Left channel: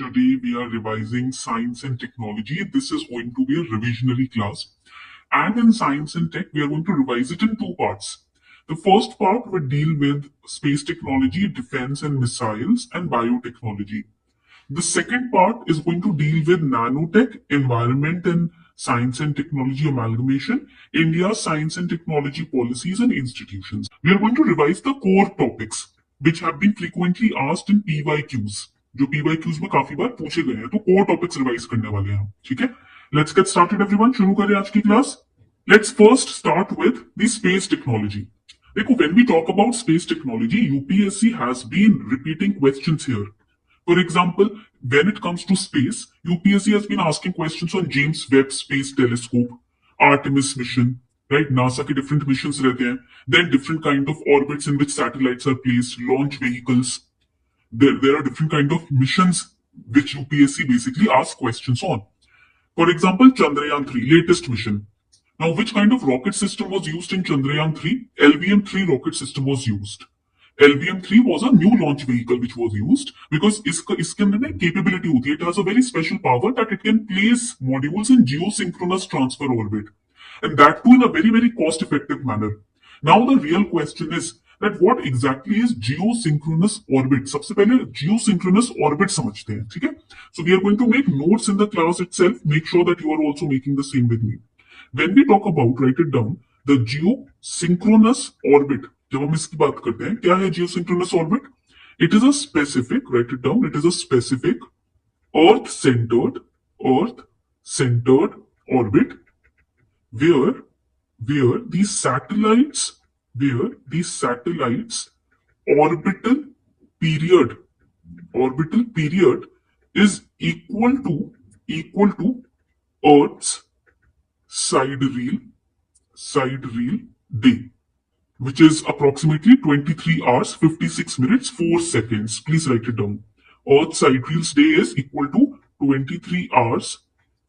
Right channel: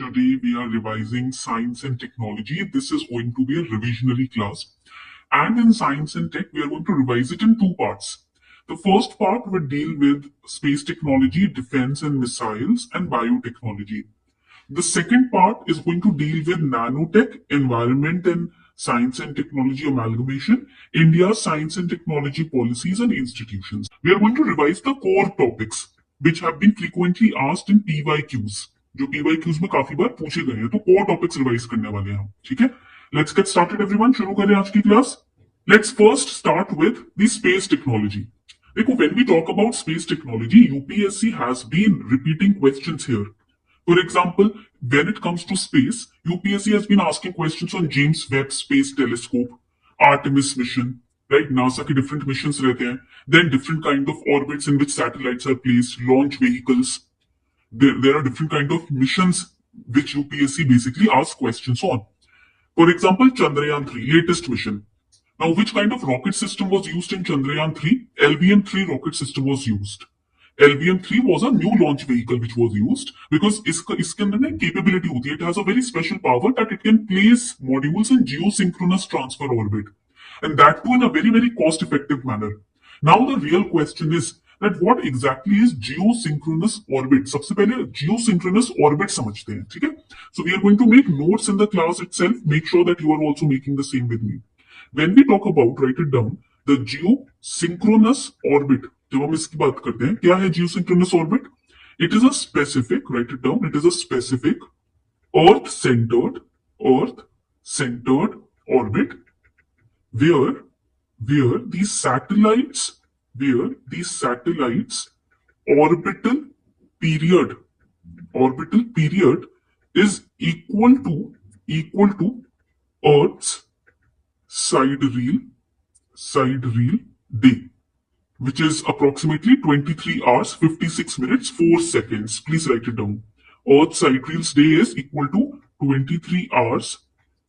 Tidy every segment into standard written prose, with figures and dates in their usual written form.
Today we are revising science and technology. This is going to be a revisionary class. And in science and tech, we are going to revise it in two parts. The first part will deal with space technology, defense and missiles, and biotechnology. The second part is going to deal with nanotech, environment and science and technology amalgamation, India's science and technology policies and institutions. We are going to revise the core topics which have been frequently asked in PYQs. जो PYQs में काफी बार पूछे गए हैं, तो core topics revise करने वाले हैं हम, ठीक है? Let's get started everyone. शुरू करें आज की class. Let's first start with the space technology. देखो, when we talk about space technology, UPSC has been repeating questions here. For example, when it comes to space, UPSC has been asking questions on James Webb Space Telescope, Artemis mission, right? NASA के different missions रहते हैं. Then different kind of orbits in which satellites are placed, launch vehicles. There are different kind of missions which UPSC basically asks questions on. For example, Chandrayaan-3, latest mission. Now, which kind of rocket system was used in Chandrayaan-3? LVM-3 rocket system was used. LVM-3 was a new launch vehicle which was used because इसके अंदर ना capability होती है. It has a very special power that it can place modules in geosynchronous transfer orbit, and that too in a very, very cost-effective manner. Now, the real question is that what exactly is geosynchronous orbit? सबसे पहले geosynchronous orbit समझते हैं, ठीक है? So we are going to make notes in the class itself. Make sure that you are also making the same with me. When we talk about, write it down, the geosynchronous orbit. जब हम इसकी बात करते हैं, क्या है geosynchronous orbit? It is a specific, write it down, it is a specific Earth-centered orbit where these satellites orbital period is equal to Earth's sidereal day, which is approximately 23 hours 56 minutes 4 seconds. Please write it down. Earth's sidereal day is equal to 23 hours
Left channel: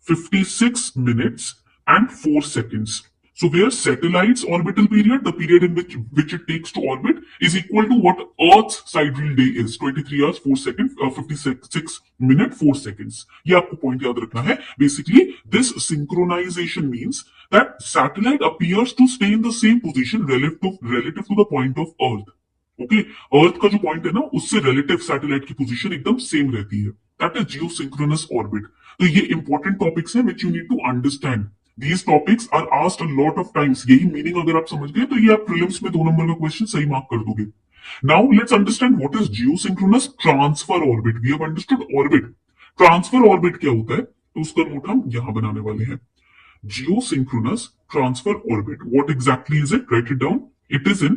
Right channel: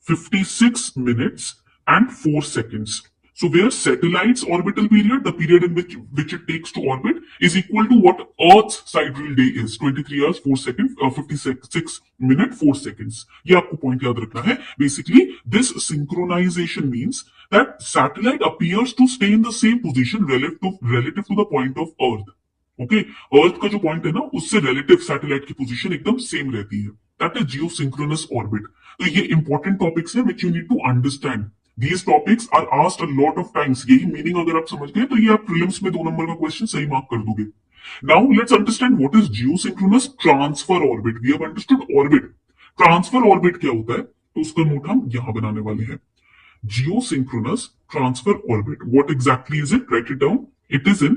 56 minutes and 4 seconds. So where satellites orbital period, the period in which it takes to orbit, is equal to what Earth's sidereal day is, 23 hours 4 seconds, 56 minutes 4 seconds. ये आपको point याद रखना है. Basically, this synchronization means that satellite appears to stay in the same position relative to the point of Earth. Okay, Earth का जो point है ना, उससे relative satellite की position एकदम same रहती है. That is geosynchronous orbit. तो ये important topics हैं which you need to understand. These topics are asked a lot of times. यही मीनिंग अगर आप समझ गए तो ये आप प्रीलिम्स में 2 नंबर का क्वेश्चन सही मार्क कर दोगे. Now let's understand what is geosynchronous transfer orbit. We have understood orbit. Transfer orbit क्या होता है? तो उसका नोट हम यहां बनाने वाले हैं. Geosynchronous transfer orbit. What exactly is it? Write it down. It is an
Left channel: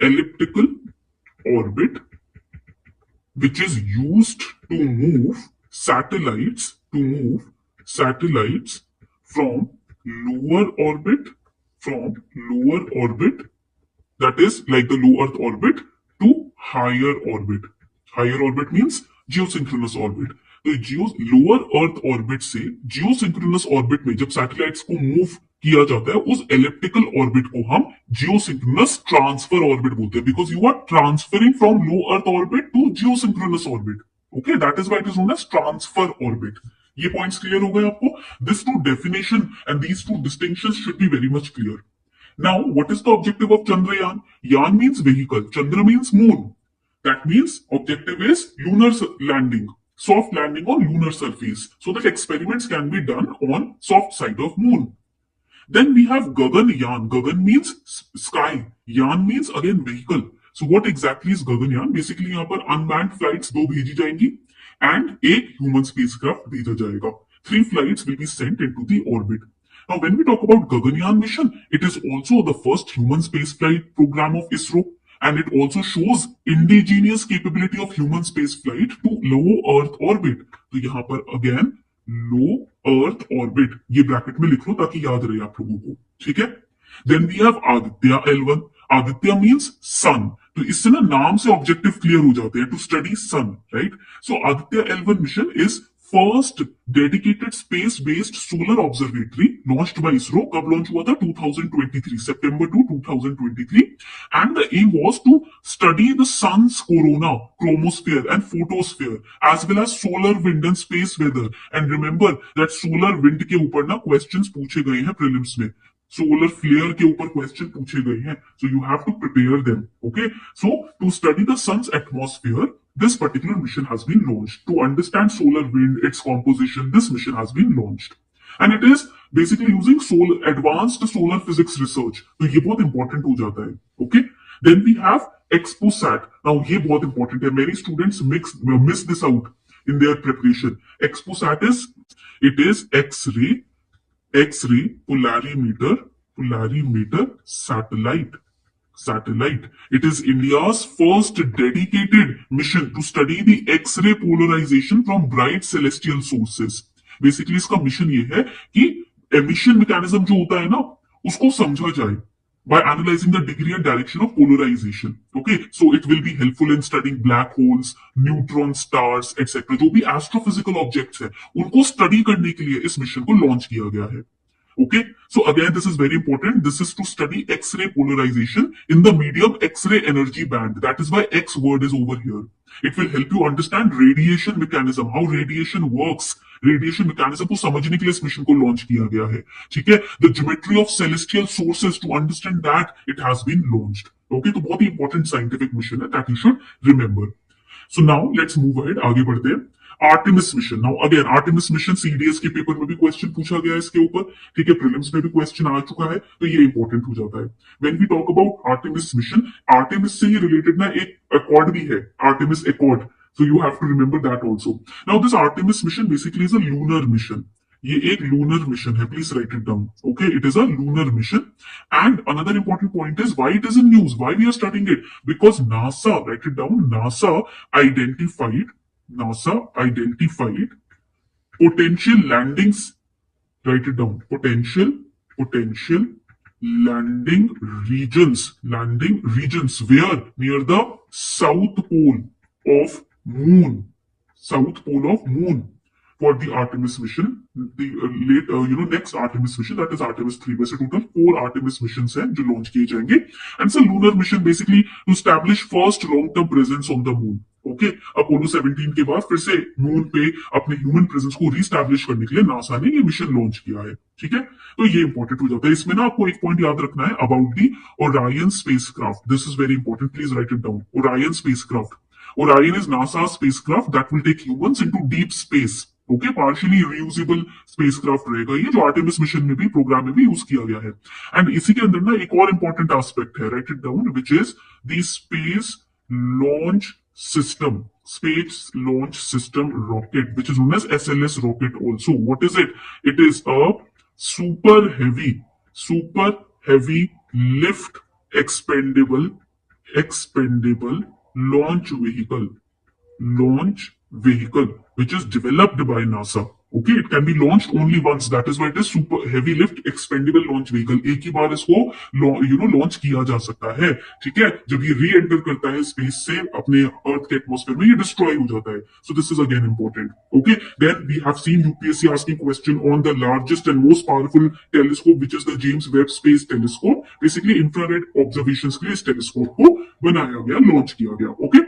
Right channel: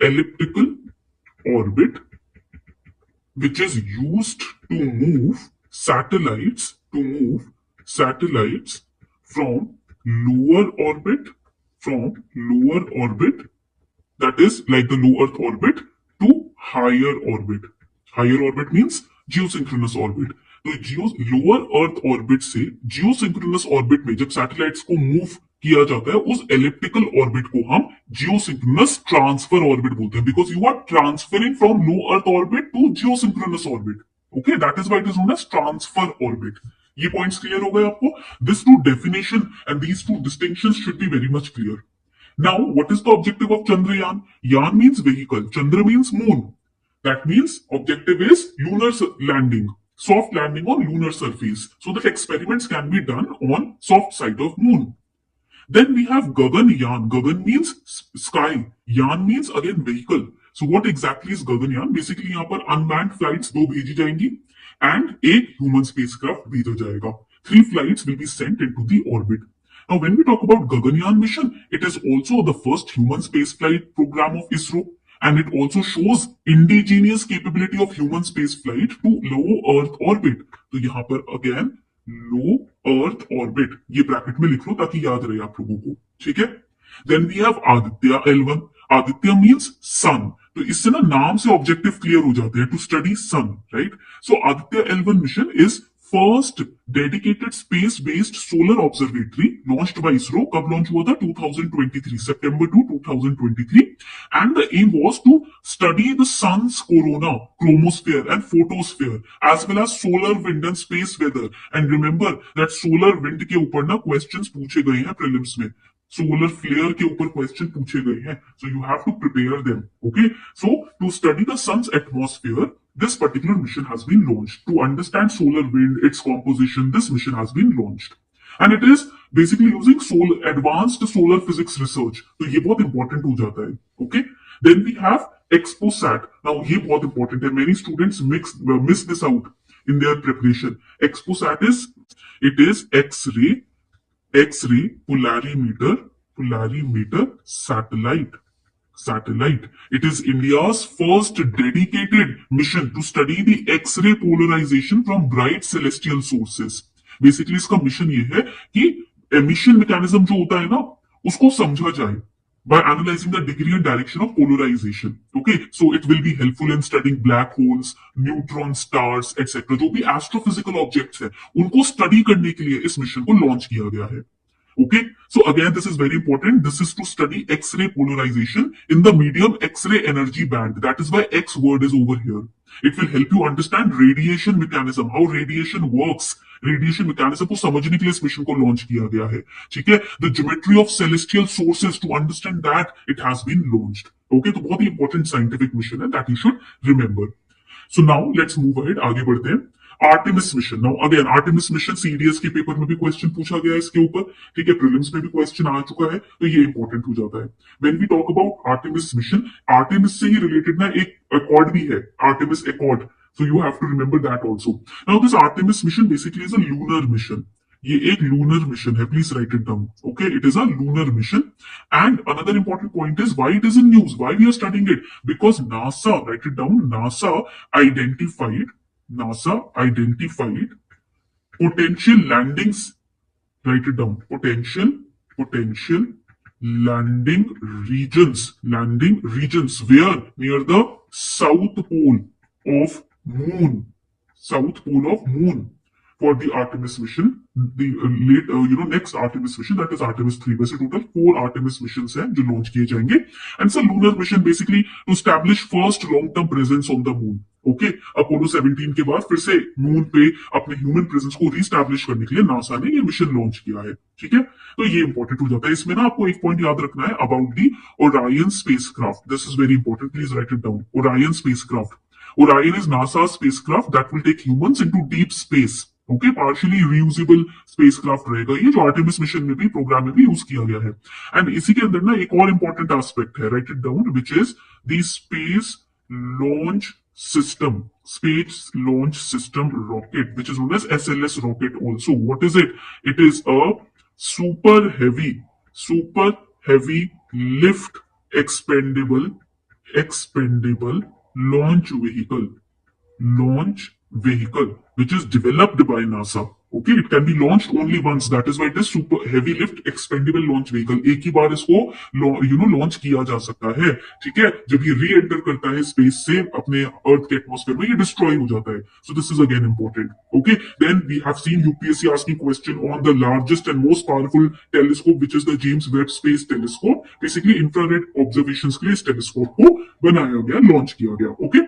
elliptical orbit which is used to move satellites from lower orbit, that is like the low Earth orbit, to higher orbit. Higher orbit means geosynchronous orbit. तो lower Earth orbit से geosynchronous orbit में जब satellites को move किया जाता है, उस elliptical orbit को हम geosynchronous transfer orbit बोलते हैं, because you are transferring from low Earth orbit to geosynchronous orbit. Okay, that is why it is known as transfer orbit. ये points clear हो गए आपको? This two definition and these two distinctions should be very much clear. Now, what is the objective of Chandrayaan? Yan means vehicle, Chandra means moon. That means objective is lunar landing, soft landing on lunar surface, so that experiments can be done on soft side of moon. Then we have Gaganyaan. Gagan means sky. Yan means again vehicle. So what exactly is Gaganyaan? Basically यहाँ पर unmanned flights 2 भेजी जाएंगी and एक human spacecraft भेजा जाएगा. 3 flights will be sent into the orbit. Now when we talk about Gaganyaan mission, it is also the first human spaceflight program of ISRO, and it also shows indigenous capability of human spaceflight to low Earth orbit. तो यहाँ पर again low Earth orbit, ये bracket में लिख लो ताकि याद रहे आप लोगों को, ठीक है? Then we have Aditya L1. Aditya means sun. तो इससे ना नाम से ऑब्जेक्टिव क्लियर हो जाते हैं, to study sun, right? So Aditya L1 mission is first dedicated space based solar observatory launched by ISRO. कब लॉन्च हुआ था? 2023, सितंबर two 2023. And the aim was to study the sun's corona, chromosphere and photosphere as well as solar wind and space weather. And remember that solar wind के ऊपर ना questions पूछे गए हैं prelims में. सोलर फ्लेयर के ऊपर क्वेश्चन पूछे गए हैं, so you have to prepare them. Okay, so to study the sun's atmosphere, this particular mission has been launched. To understand solar wind, its composition, this mission has been launched. And it is basically using advanced solar physics research. तो ये बहुत important हो जाता है. Okay, then we have XPOSAT. Now ये बहुत important है. Many students miss this out in their preparation. XPOSAT is X-ray polarimeter satellite. It is India's first dedicated mission to study the X-ray polarization from bright celestial sources. Basically इसका mission ये है कि emission mechanism जो होता है ना, उसको समझा जाए by analyzing the degree and direction of polarization. Okay, so it will be helpful in studying black holes, neutron stars, etc. जो भी astrophysical objects है, उनको study करने के लिए इस मिशन को लॉन्च किया गया है. Okay, so again this is very important. This is to study X-ray polarization in the medium X-ray energy band. That is why X word is over here. It will help you understand radiation mechanism, how radiation works. Radiation mechanism को समझने के लिए इस mission को launch किया गया है. ठीक है, the geometry of celestial sources, to understand that it has been launched. Okay, तो बहुत ही important scientific mission है that you should remember. So now let's move ahead. आगे बढ़ते हैं. Artemis mission. Now again Artemis mission CDS के paper में भी question पूछा गया है इसके ऊपर. ठीक है, प्रीलिम्स में भी क्वेश्चन आ चुका है, तो ये इंपॉर्टेंट हो जाता है. When we talk about Artemis mission, Artemis से ही रिलेटेड ना एक अकॉर्ड भी है, Artemis accord. So you have to remember that also. Now this Artemis mission basically is a lunar mission. ये एक लूनर मिशन है, please write it down. Okay, it is a lunar mission. And another important point is why it is in news, why we are studying it, because NASA, right it down, NASA identified potential landings, write it down, potential landing regions where near the south pole of moon for the Artemis mission. The next Artemis mission, that is Artemis 3. वैसे total 4 Artemis missions हैं जो launch किए जाएंगे. And it's a lunar mission basically to establish first long-term presence on the moon. Okay, Apollo 17 के बाद फिर से moon पे अपने ह्यूमन प्रेजेंस को रीस्टैब्लिश करने के लिए नासा ने ये मिशन लॉन्च किया है. ठीक है, तो ये इंपॉर्टेंट हो जाता है. इसमें ना आपको एक पॉइंट याद रखना है about the Orion spacecraft. This is very important, please write it down. Orion spacecraft. Orion is NASA's spacecraft that will take humans into deep space. Okay, partially reusable spacecraft रहेगा ये, जो आर्टेमिस मिशन में भी, programme में भी use किया गया है. एंड इसी के अंदर ना एक और इंपॉर्टेंट एस्पेक्ट है, write it down, which is the space launch system rocket, which is known as SLS rocket also. What is it? It is a super heavy lift expendable launch vehicle which is developed by NASA. Okay, it can be launched only once. That is why it is super heavy lift expendable launch vehicle. एक ही बार इसको launch किया जा सकता है. ठीक है, जब ये री एंटर करता है स्पेस से अपने अर्थ के एटमॉस्फेयर में, ये डिस्ट्रॉय हो जाता है. So this is again important. Okay, then we have seen UPSC asking question on the largest and most powerful telescope which is the James Webb space telescope. Basically infrared observations के लिए इस telescope को बनाया गया, launch किया गया. Okay,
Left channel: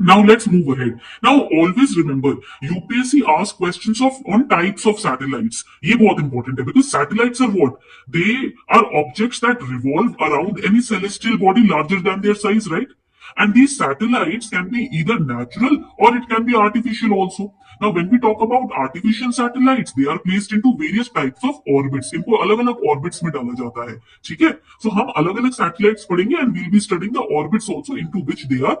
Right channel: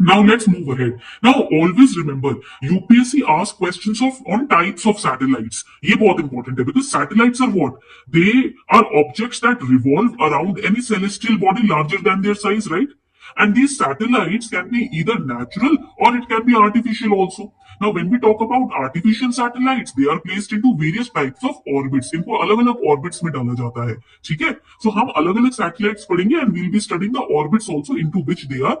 now let's move ahead. Now always remember, UPSC asks questions on types of satellites. ये बहुत important है, because satellites are what? They are objects that revolve around any celestial body larger than their size, right? And these satellites can be either natural or it can be artificial also. Now when we talk about artificial satellites, they are placed into various types of orbits. इनको अलग-अलग orbits में डाला जाता है. ठीक है, so हम अलग-अलग satellites पढ़ेंगे and we'll be studying the orbits also into which they are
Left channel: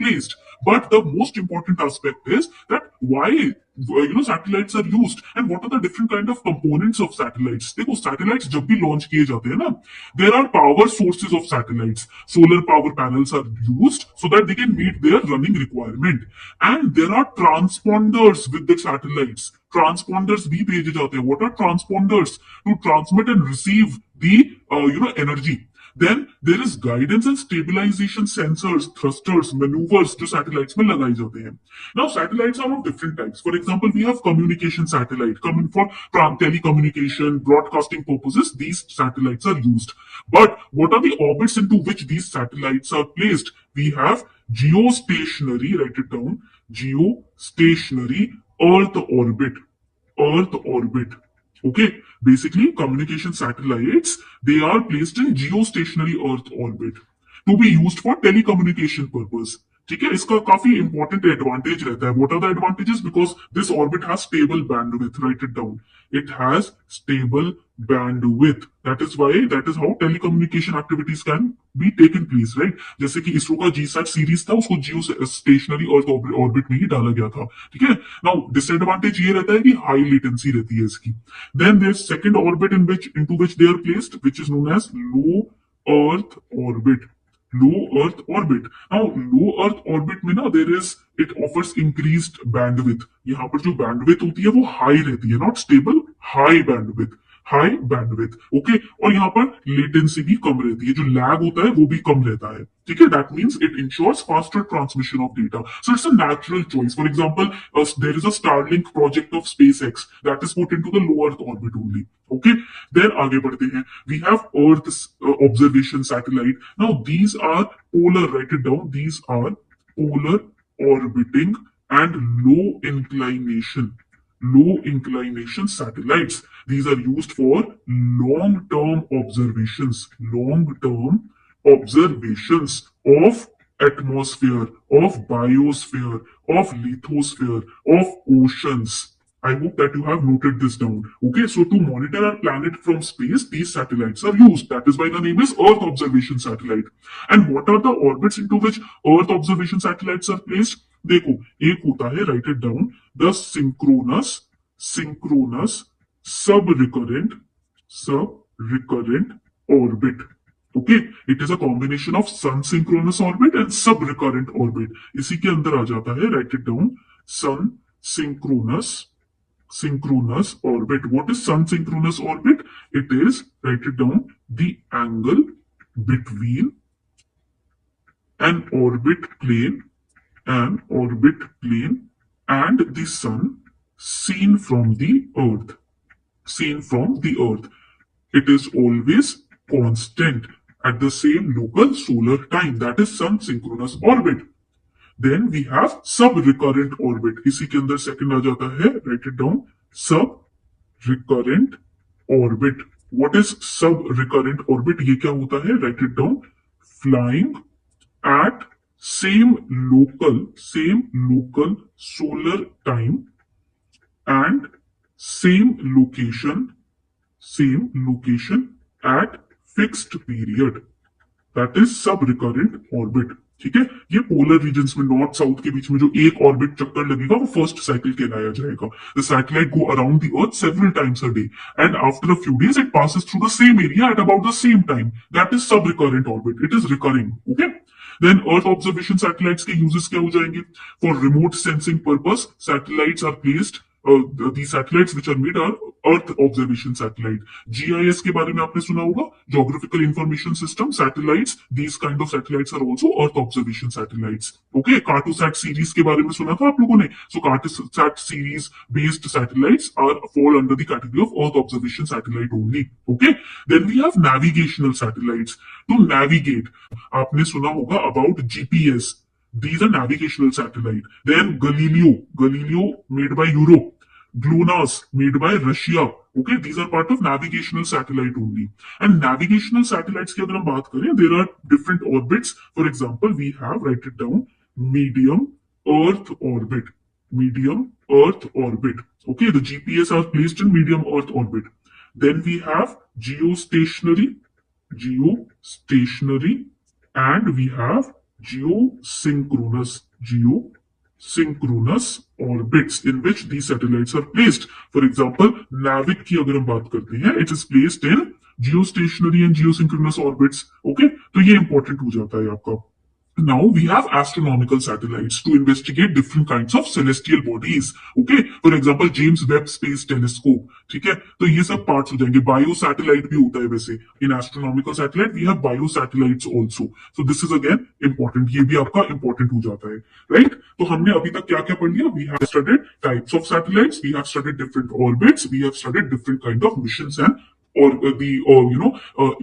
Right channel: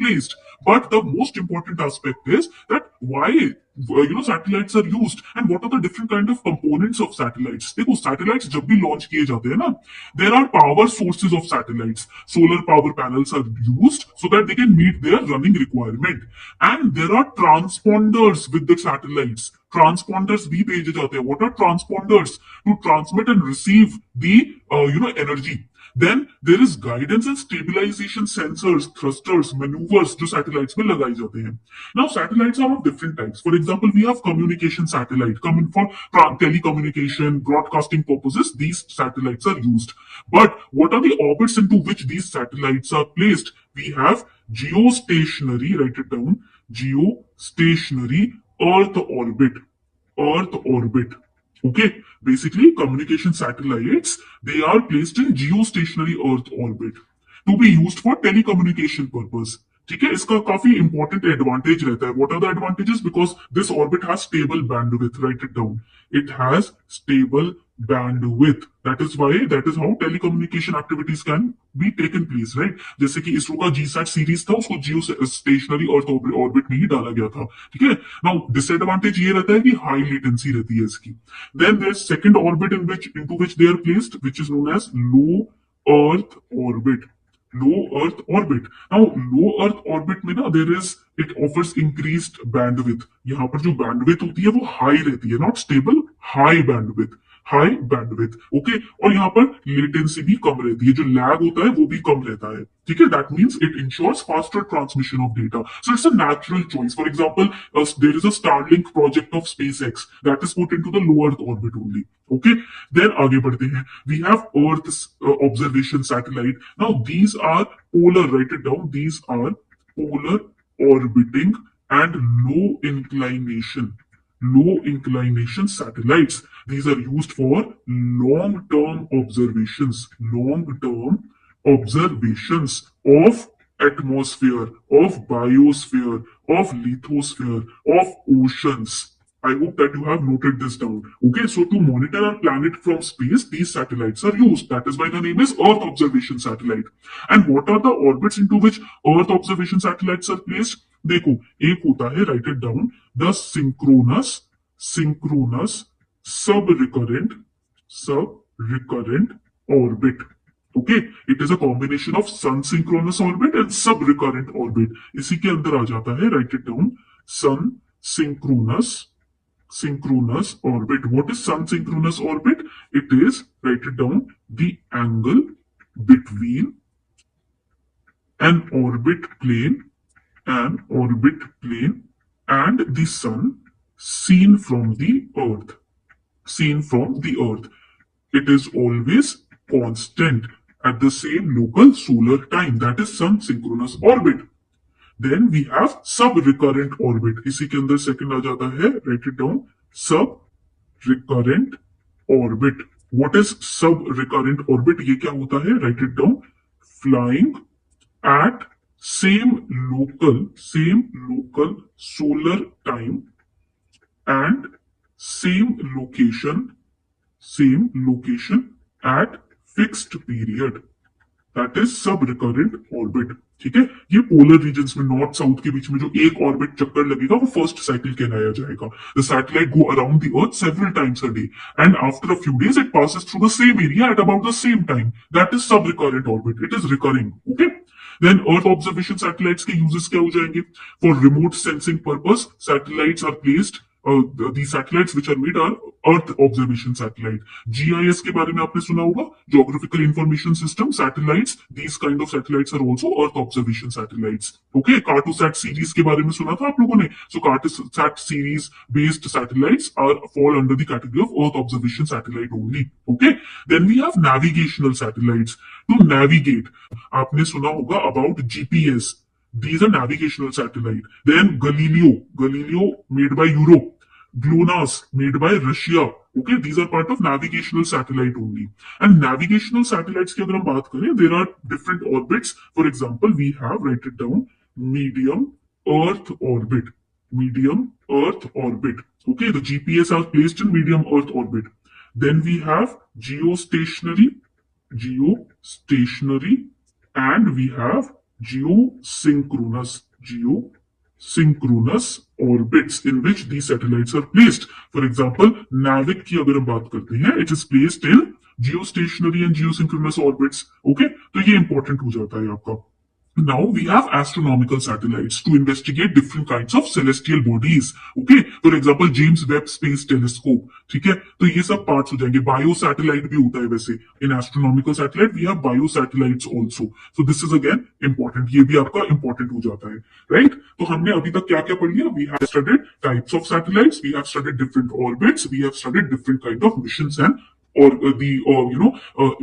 placed. But the most important aspect is that why satellites are used and what are the different kind of components of satellites. देखो satellites जब भी launch किए जाते हैं ना, there are power sources of satellites. Solar power panels are used so that they can meet their running requirement. And there are transponders with the satellites. Transponders भी भेजे जाते हैं. What are transponders? To transmit and receive the energy. Then there is guidance and stabilization sensors, thrusters, maneuvers जो satellites में लगाए जाते हैं. Now satellites are of different types. For example we have communication satellite coming for telecommunication, broadcasting purposes. These satellites are used. But what are the orbits into which these satellites are placed? We have geostationary, write it down, geostationary Earth orbit. Earth orbit. Okay, basically communication satellites, they are placed in geostationary Earth orbit to be used for telecommunication purpose. ठीक है, इसका काफी important advantage रहता है. What are the advantages? Because this orbit has stable bandwidth. Write it down. It has stable bandwidth. That is how telecommunication activities can be taken place, right? जैसे कि इसरो का GSAT series था, उसको जियो stationery earth orbit में ही डाला गया था. ठीक है. नाउ डिसएडवांटेज ये रहता है कि हाई लेटेंसी रहती है इसकी. Then there second orbit into which they are placed, which is known as low earth orbit. Low earth orbit. Now low earth orbit में ना it offers increased bandwidth. यहाँ पर जो bandwidth होती है वो high रहती है, not stable, high bandwidth. High bandwidth. Okay. और यहाँ पर लेटेंसी भी कम रहती है, जो लैग होता है वो भी कम रहता है. ठीक है. That means it ensures faster transmission of data. So it's a natural choice. For example there is a Starlink project of SpaceX that is put into the low earth orbit only. Okay. देन आगे बढ़ते हैं. We have earth observation satellite. Now these are polar. Write it down. These are polar orbiting and low inclination satellites. These are used for long-term observations of atmosphere, of biosphere, of lithosphere, of oceans. I hope that you have noted this down. Okay, so to monitor our planet from space, these satellites are used. That is why the name is Earth Observation Satellite. And what are the orbits into which Earth Observation Satellites are placed? देखो, एक होता है, write it down, the synchronous sub recurrent orbit. Okay. It is a combination of sun synchronous orbit and sub recurrent orbit. इसी के अंदर आ जाता है, write it down, sun synchronous orbit. What is sun synchronous orbit? It is, write it down, the angle between an orbit plane and the sun seen from the earth. It is always constant at the same local solar time. That is sun synchronous orbit. Then we have sub recurrent orbit. इसी के अंदर second आ जाता है, write it down, sub recurrent orbit. What is sub recurrent orbit? ये क्या होता है? Write it down, flying at same local solar time and same location at fixed period. That is sub recurrent orbit. ठीक है. ये polar regions में north south के बीच में जो एक ऑर्बिट चक्कर लगेगा वो फर्स्ट साइकिल कहलाया जाएगा. The satellite go around the earth several times a day and after a few days it passes through the same area at about the same time. That is sub recurrent orbit. It is recurring. Okay. Then earth observation satellites के uses क्या हो जाएंगे? For remote sensing purpose satellites are placed. The satellites which are made are Earth Observation Satellite. GIS के बारे में आपने सुना होगा, Geographical Information System satellites. These kind of satellites are also Earth Observation Satellites. Okay, Cartosat series के बारे में सुना था आप लोगों ने. So Cartosat series based satellites fall under the category of Earth Observation Satellite only. Okay, then we have navigational satellites. To navigate, आपने सुना होगा about GPS. These are navigational satellite. Then Galileo made by Europe. GLONASS made by Russia. Okay, these are part of navigational satellite only. And navigational satellites की अगर हम बात करें, there are different orbits. For example, we have, write it down, medium Earth orbit. Okay, the GPS are placed in medium Earth orbit. Then we have geostationary, and we have geosynchronous orbits in which these satellites are placed. For example, NAVIC की अगर हम बात करते हैं, it is placed in geostationary and geosynchronous orbits. Okay, तो ये important हो जाता है आपका. Now we have astronomical satellites to investigate different kinds of celestial bodies. Okay, for example James Webb Space Telescope. ठीक है, तो ये सब पार्ट्स हो जाएंगे. बायो सैटेलाइट भी होता है वैसे. In astronomical satellite we have bio satellites also. So this is again important. ये भी आपका इंपॉर्टेंट हो जाता है, राइट? तो हमने अभी तक क्या क्या पढ़ लिया? We have studied types of satellites, we have studied different orbits, we have studied different kind of missions and or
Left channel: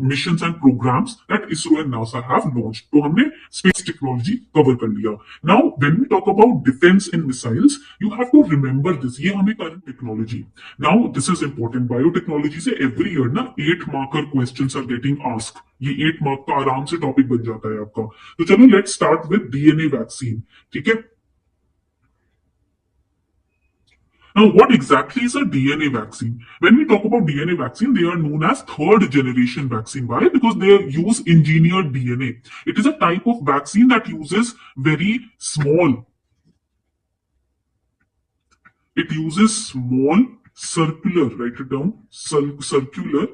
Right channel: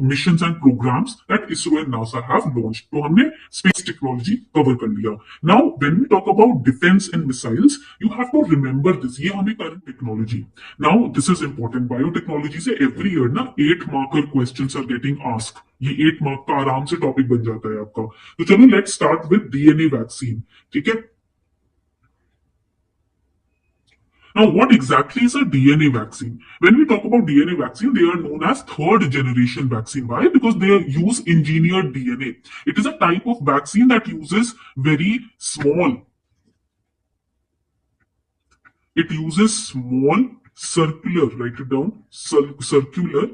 missions and programs that ISRO and NASA have launched. तो हमने space technology cover कर लिया. Now when we talk about defense and missiles, you have to remember this. ये हमें current technology. Now this is important. Biotechnology से every year ना 8 marker questions are getting asked. ये 8 mark का आराम से टॉपिक बन जाता है आपका. तो चलो let's start with DNA vaccine. ठीक है. Now, what exactly is a DNA vaccine? When we talk about DNA vaccine, they are known as third generation vaccine. Why? Because they use engineered DNA. It is a type of vaccine that uses very small. It uses small circular, write it down, circular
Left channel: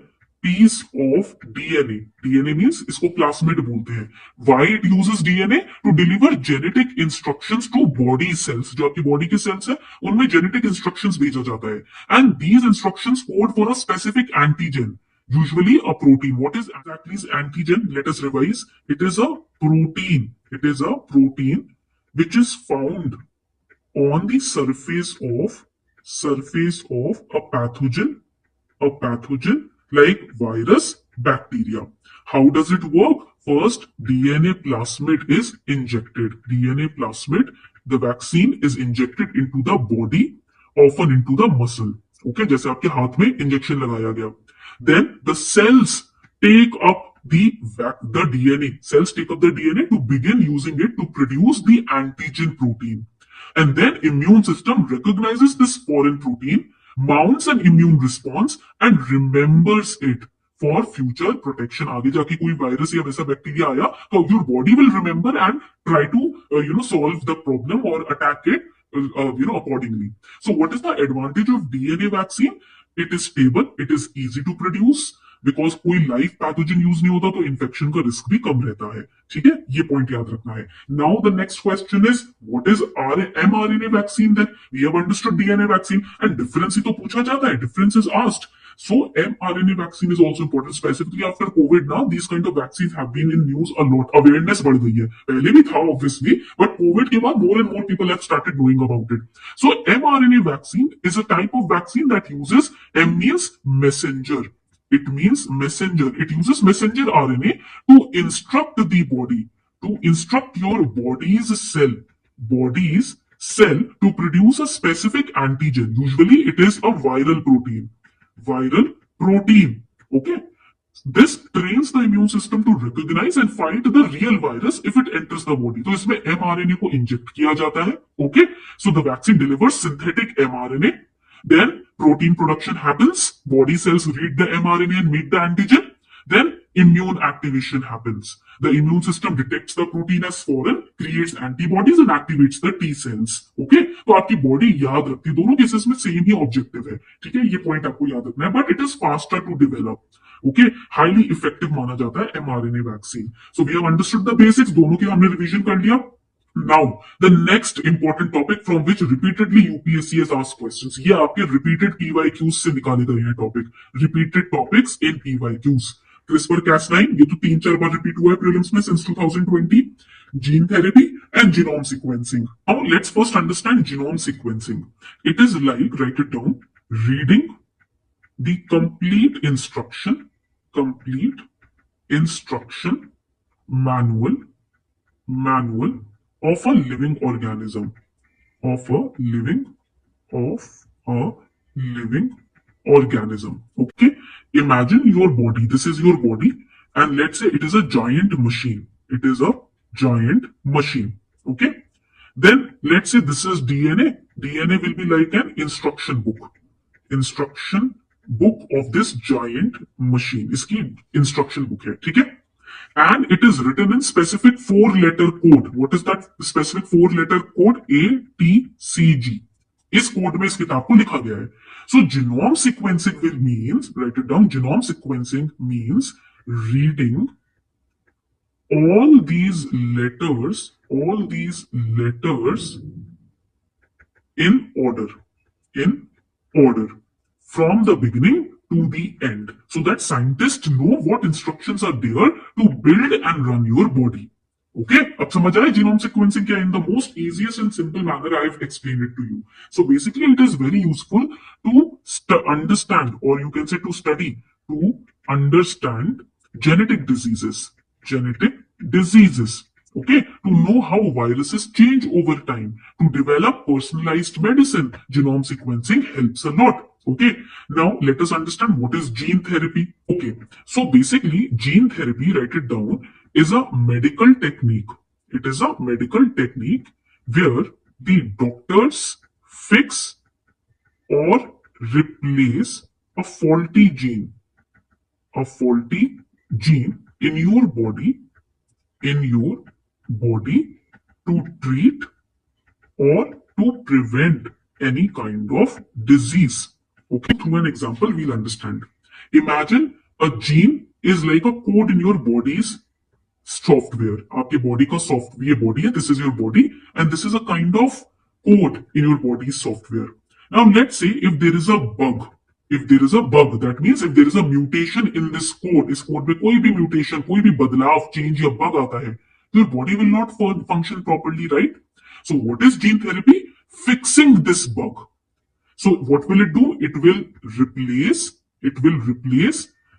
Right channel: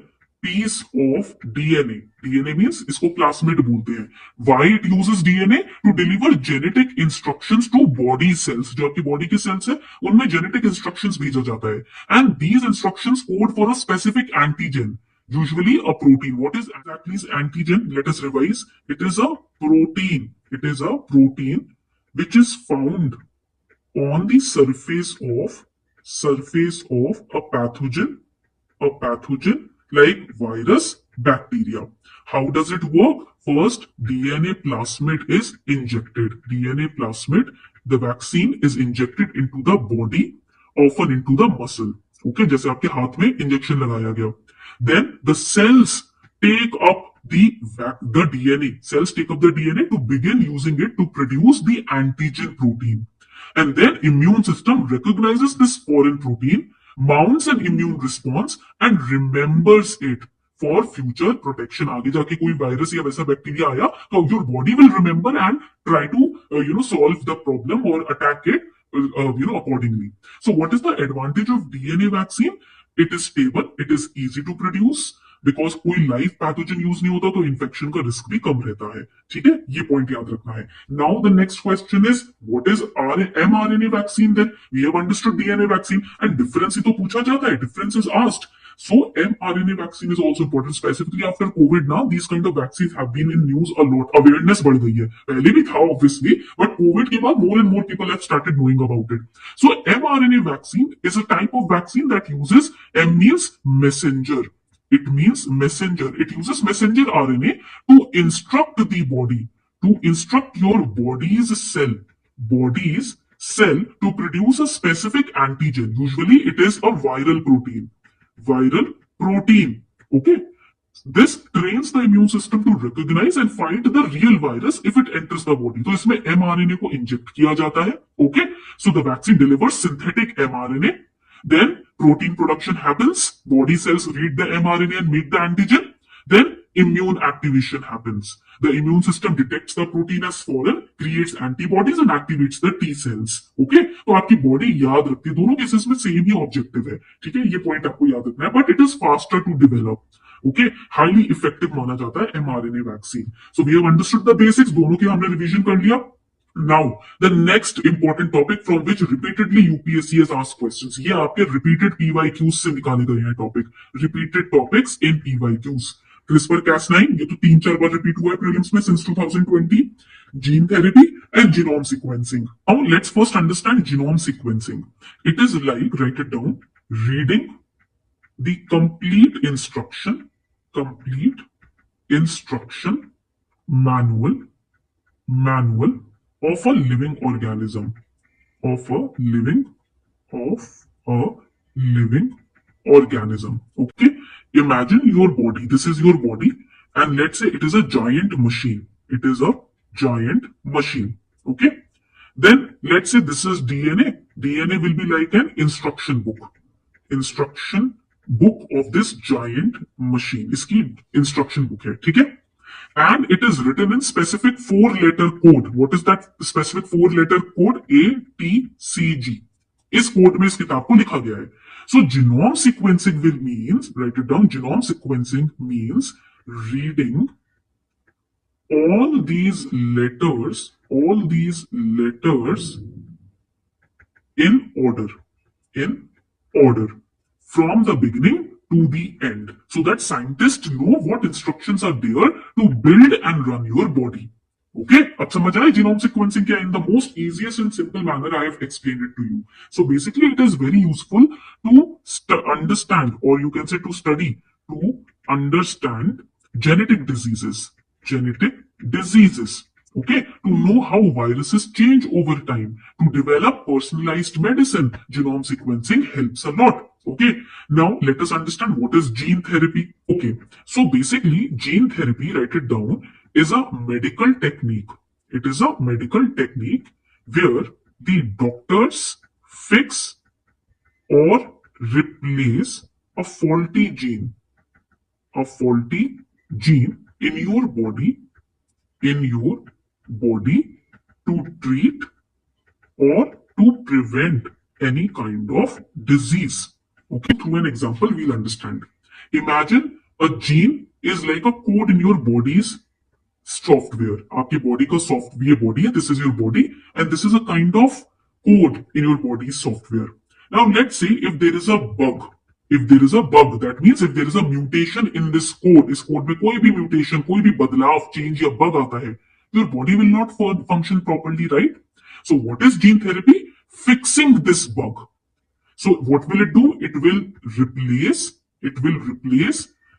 piece of DNA. DNA means इसको plasmid बोलते हैं. Why it uses DNA? To deliver genetic instructions to body cells. जो आपकी body के cells है, उनमें genetic instructions भेजा जाता है. And these instructions code for a specific antigen. Usually a protein. What is exactly is antigen? Let us revise. It is a protein. It is a protein which is found on the surface of a pathogen like virus, bacteria. How does it work? First, DNA plasmid is injected. DNA plasmid, the vaccine is injected into the body, often into the muscle. Okay, जैसे आपके हाथ में injection लगाया गया. Then the cells take up the DNA. Cells take up the DNA to begin using it to produce the antigen protein. And then immune system recognizes this foreign protein, mounts an immune response and remembers it for future protection. आगे जाके कोई virus या वैसा bacteria आया तो your body will remember and try to solve the problem or attack it accordingly. So what is the advantage of DNA vaccine? It is stable, it is easy to produce. Because कोई live pathogen use नहीं होता तो infection का risk भी कम रहता है. ठीक है, ये पॉइंट याद रखना है. Now the next question is what is mRNA vaccine? Then we have understood DNA vaccine and difference ही तो पूछा जाता है. Difference is asked. So mRNA vaccine is also important, specifically after COVID. Now these kind of vaccines have been in news a lot. Awareness बढ़ गई है. पहले भी था obviously, but COVID के बाद more and more people have started knowing about it. So mRNA vaccine is a type of vaccine that uses M means messenger. It means messenger. It uses messenger RNA to instruct the body, to instruct your body's cell to produce a specific antigen. Usually it is a viral protein. Okay. This trains the immune system to recognize and find the real virus if it enters the body. तो इसमें mRNA को inject किया जाता है. Okay. So the vaccine delivers synthetic mRNA. Then protein production happens, body cells read the mRNA and meet the antigen. Then immune activation happens. The immune system detects the protein as foreign, creates antibodies and activates the T cells. Okay? तो आपकी body याद रखती है. दोनों cases में same ही objective है. ठीक है, ये पॉइंट आपको याद रखना है. But it is faster to develop. Okay, highly effective माना जाता है mRNA vaccine. So we have understood the basics. दोनों के हमने रिवीजन कर लिया. Now, the next important topic from which repeatedly UPSC has asked questions. ये आपके repeated PYQs से निकाले गए हैं topic. Repeated topics in PYQs. CRISPR-Cas9 ये तो 3-4 बार रिपीट हुआ है प्रीलिम्स में since 2020. Gene therapy and genome sequencing. Now, let's first understand genome sequencing. It is like, write it down, reading the complete instruction manual of a living organism. Okay, imagine your body. This is your body, and let's say it is a giant machine. Okay, then let's say this is DNA. DNA will be like an instruction book of this giant machine. इसकी instruction book है. ठीक है, and it is written in specific 4-letter code. What is that specific 4-letter code? ATCG. इस code में इस किताब को लिखा गया है. So genome sequencing will means, write it down, genome sequencing means reading all these letters in order, in order, from the beginning to the end, so that scientists know what instructions are there to build and run your body. Okay, अब समझ आए genome sequencing क्या in the most easiest and simple manner I have explained it to you. So basically, it is very useful to understand, or you can say to study, to understand genetic diseases, genetic diseases. Okay, to know how viruses change over time, to develop personalized medicine, genome sequencing helps a lot. Okay, now let us understand what is gene therapy. Okay, so basically, gene therapy, write it down, is a medical technique. It is a medical technique where the doctors fix or replace a faulty gene, a faulty gene in your body, in your body, to treat or to prevent any kind of disease. Okay, through an example, we'll understand. Imagine a gene is like a code in your body's software. आपके body का software, body है, this is your body, and this is a kind of code in your body's software. Now let's say if there is a bug, that means if there is a mutation in this code, इस code में कोई भी mutation, कोई भी बदलाव, change या bug आता है, your body will not function properly, right? So what is gene therapy? Fixing this bug. So what will it do? It will replace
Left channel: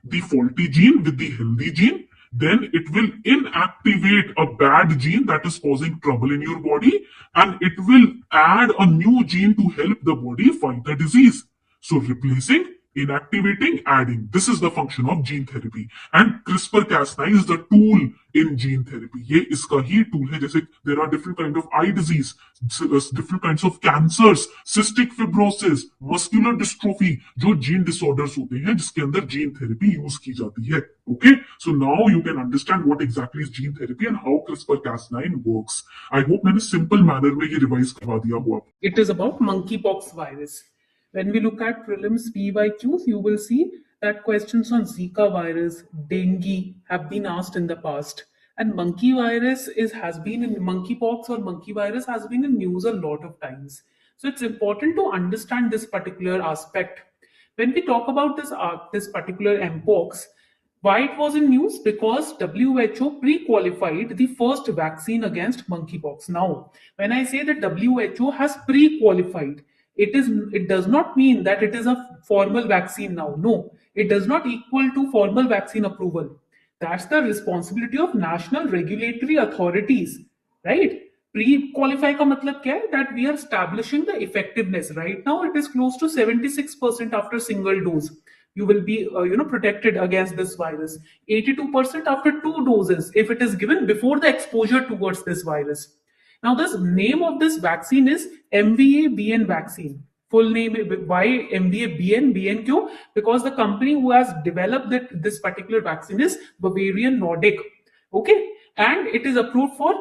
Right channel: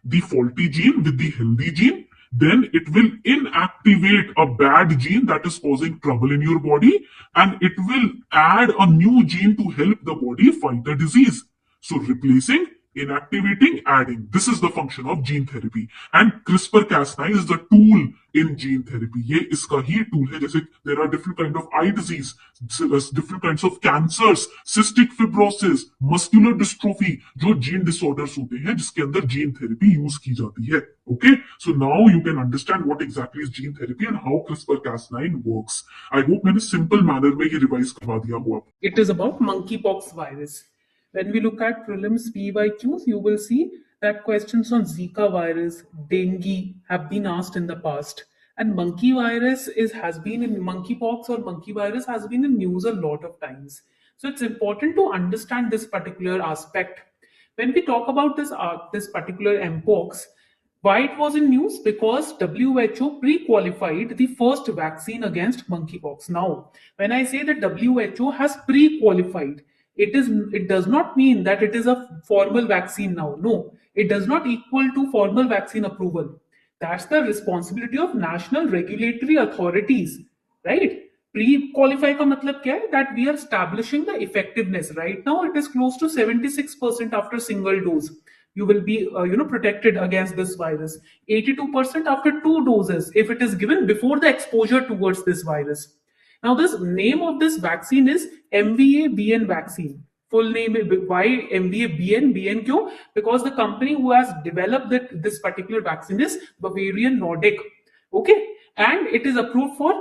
the faulty gene with the healthy gene. Then it will inactivate a bad gene that is causing trouble in your body, and it will add a new gene to help the body fight the disease. So replacing, inactivating, adding. This is the function of gene therapy. And CRISPR-Cas9 is the tool in gene therapy. ये इसका ही tool है. जैसे there are different kind of eye disease, different kinds of cancers, cystic fibrosis, muscular dystrophy, जो gene disorders होते हैं जिसके अंदर gene therapy use की जाती है. Okay, so now you can understand what exactly is gene therapy and how CRISPR-Cas9 works. I hope मैंने simple manner में ये revise करवा दिया हो आपको. It is about monkeypox virus. When we look at prelims PYQs, you will see that questions on Zika virus, dengue have been asked in the past. And monkey virus has been in monkeypox or monkey virus has been in news a lot of times. So it's important to understand this particular aspect. When we talk about this particular mpox, why it was in news? Because WHO pre-qualified the first vaccine against monkeypox. Now, when I say that WHO has pre-qualified, it does not mean that it is a formal vaccine now. No, it does not equal to formal vaccine approval. That's the responsibility of national regulatory authorities, right? Pre-qualify का मतलब क्या है? That we are establishing the effectiveness. Right now, it is close to 76% after single dose. You will be, protected against this virus. 82% after 2 doses if it is given before the exposure towards this virus. Now, this name of this vaccine is MVA-BN vaccine. Full name, why MVA-BN? BN क्यों? Because the company who has developed this particular vaccine is Bavarian Nordic. Okay, and it is approved for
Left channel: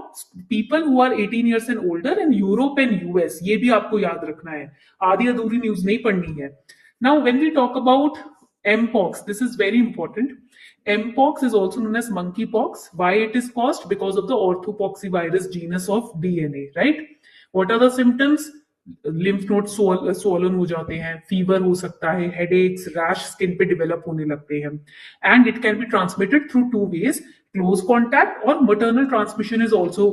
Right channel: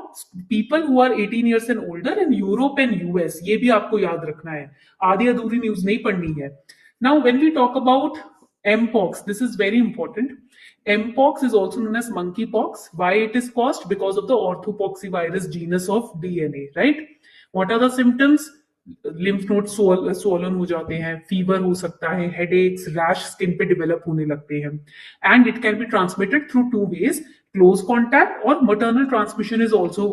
people who are 18 years and older in Europe and US. ये भी आपको याद रखना है. आधी अधूरी news नहीं पढ़नी है. Now, when we talk about mpox, this is very important. Mpox is also known as monkeypox. Why it is caused? Because of the orthopoxvirus genus of DNA, right? What are the symptoms? Lymph nodes swollen हो जाते हैं, fever हो सकता है, headaches, rash skin पे develop होने लगते हैं, and it can be transmitted through 2 ways. Close contact और maternal transmission is also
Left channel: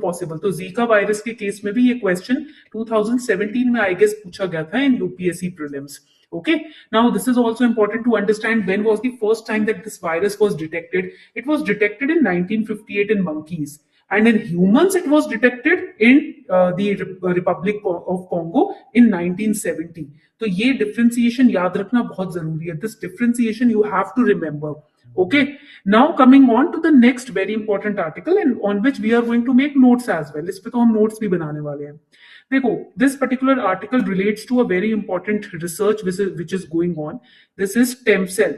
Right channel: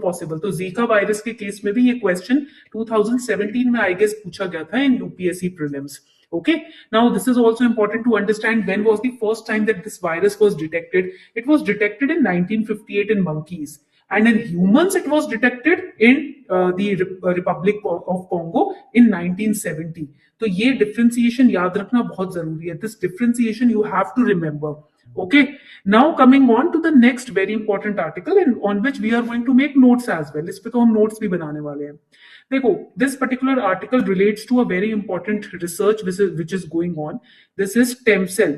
possible. तो जीका वायरस के केस में भी ये क्वेश्चन 2017 में आई गेस पूछा गया था in UPSC prelims. Okay, now this is also important to understand when was the first time that this virus was detected. It was detected in 1958 in monkeys, and in humans it was detected in the Republic of Congo in 1970. तो ये differentiation याद रखना बहुत जरूरी है. This differentiation you have to remember. Okay, now coming on to the next very important article and on which we are going to make notes as well. इस पे तो हम notes भी बनाने वाले हैं. देखो, this particular article relates to a very important research which is going on. This is stem cell.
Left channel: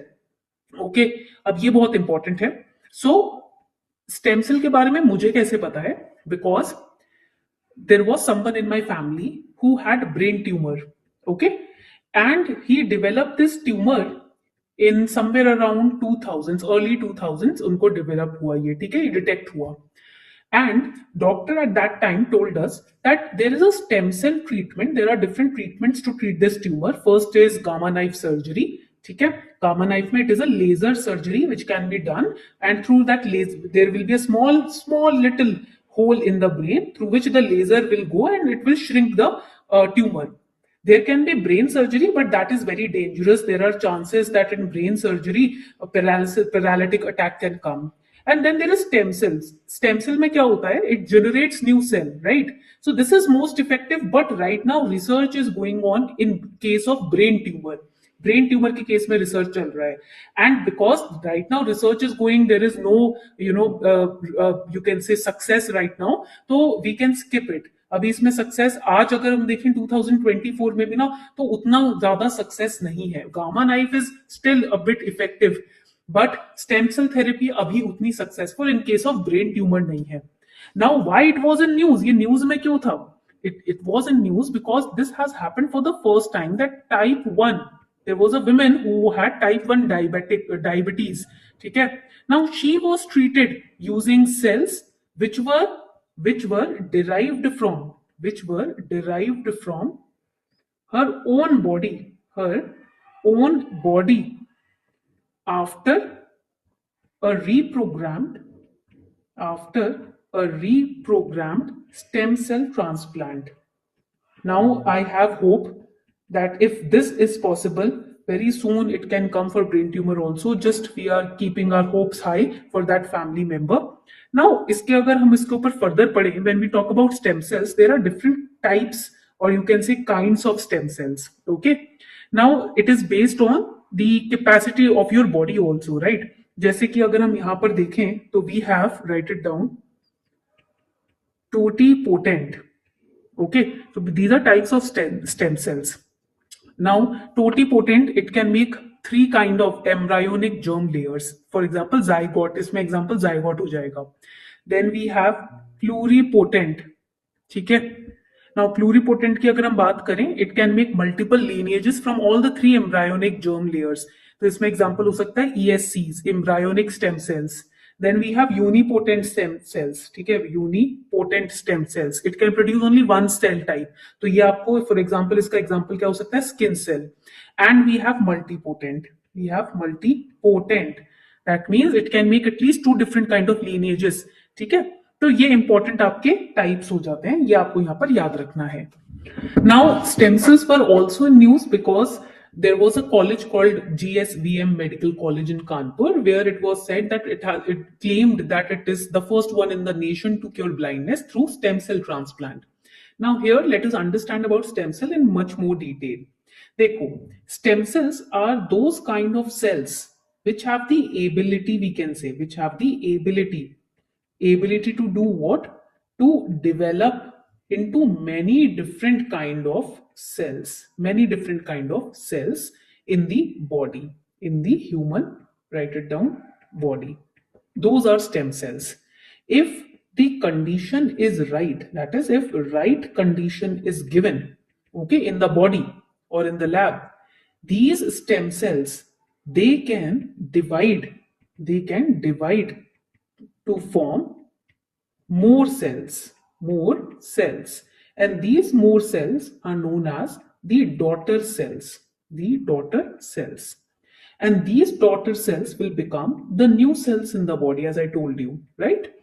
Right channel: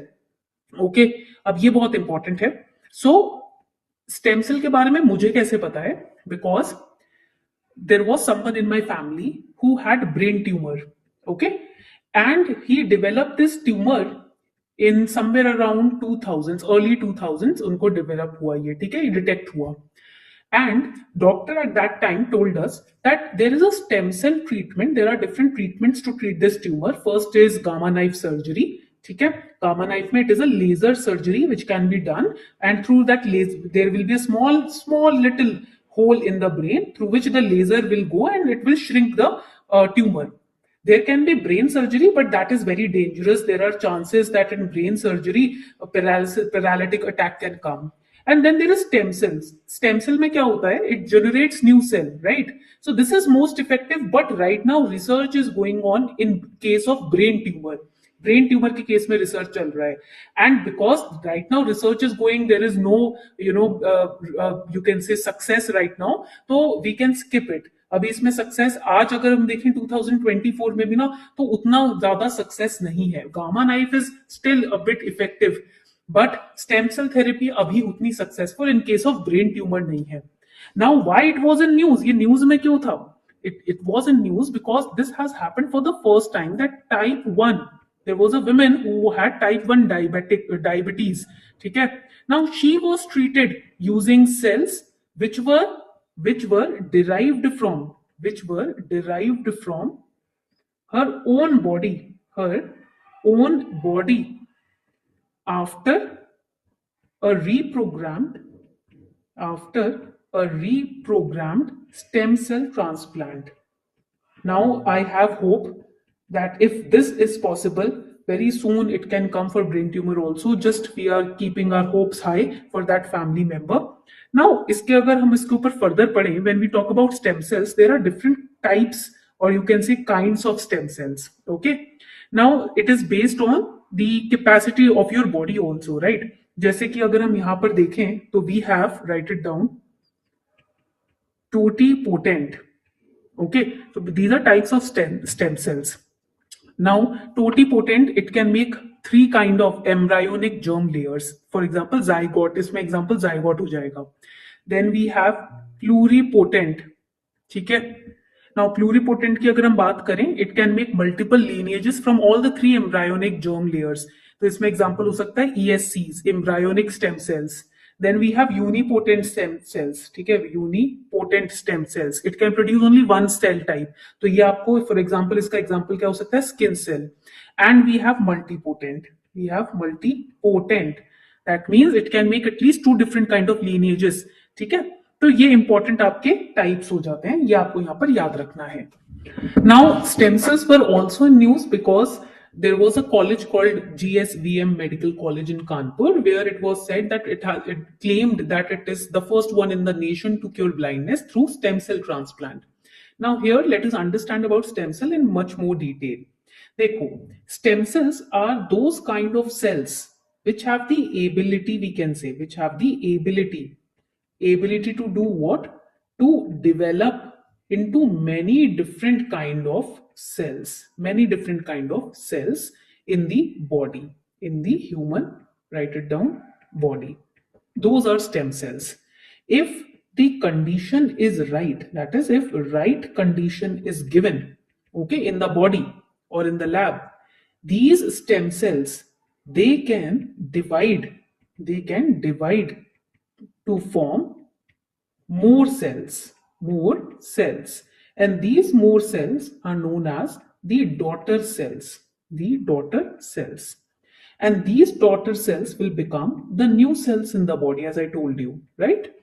Okay, अब ये बहुत important है. So stem cell के बारे में मुझे कैसे पता है? Because there was someone in my family who had brain tumor. Okay, and he developed this tumor in somewhere around 2000s, early 2000s उनको डेवलप हुआ ये, ठीक है, डिटेक्ट हुआ. And doctor at that time told us that there is a stem cell treatment. There are different treatments to treat this tumor. First is gamma knife surgery. ठीक है, gamma knife में it is a laser surgery which can be done, and through that laser there will be a small little hole in the brain through which the laser will go and it will shrink the tumor. There can be brain surgery, but that is very dangerous. There are chances that in brain surgery a paralytic attack can come. And then there is stem cells. Stem cell में क्या होता है? It generates new cell, right? So this is most effective, but right now research is going on in case of brain tumor. Brain tumor के case में research चल रहा है, and because right now research is going, there is no you can say success right now, तो we can skip it. अभी इसमें success आज अगर हम देखें 2024 में भी ना, तो उतना ज्यादा सक्सेस नहीं है. Gamma knife is still a bit effective, but stem cell therapy अभी उतनी successful in case of brain tumor नहीं है. Now why it was in news? ये न्यूज में क्यों था? It was in news because this has happened for the first time that type 1, there was a woman who had type 1 diabetes. ठीक है, now she was treated using cells which were derived from her own body after a reprogrammed stem cell transplant. Now I have hope that if this is possible, very soon it can come for brain tumor also. Just we are keeping our hopes high for that family member. Now इसके अगर हम इसके ऊपर further पढ़ें, when we talk about stem cells, there are different types or you can say kinds of stem cells. Okay, now it is based on the capacity of your body also, right? जैसे कि अगर हम यहाँ पर देखें तो we have, write it down, totipotent. Okay, so these are types of stem cells. Now totipotent, it can make 3 kind of embryonic germ layers. For example zygote, इसमें example zygote हो जाएगा. Then we have pluripotent. ठीक है, now pluripotent की अगर हम बात करें, it can make multiple lineages from all the 3 embryonic germ layers. तो इसमें example हो सकता है ESCs, embryonic stem cells. Then we have unipotent stem cells. ठीक है, unipotent stem cells, it can produce only one cell type. तो ये आपको for example इसका example क्या हो सकता है? Skin cell. And we have multipotent. That means it can make at least 2 different kind of lineages. ठीक है, तो ये important आपके types हो जाते हैं, ये आपको यहाँ पर याद रखना है. Now stem cells were also in news because there was a college called GSVM Medical College in Kanpur, where it was said that it claimed that it is the first one in the nation to cure blindness through stem cell transplant. Now here let us understand about stem cell in much more detail. देखो, stem cells are those kind of cells which have the ability, we can say, which have the ability to do what? To develop into many different kind of cells in the body, in the human, write it down, body. Those are stem cells. If the condition is right, that is if right condition is given, okay, in the body or in the lab, these stem cells, they can divide to form more cells, and these more cells are known as the daughter cells, and these daughter cells will become the new cells in the body, as I told you, right?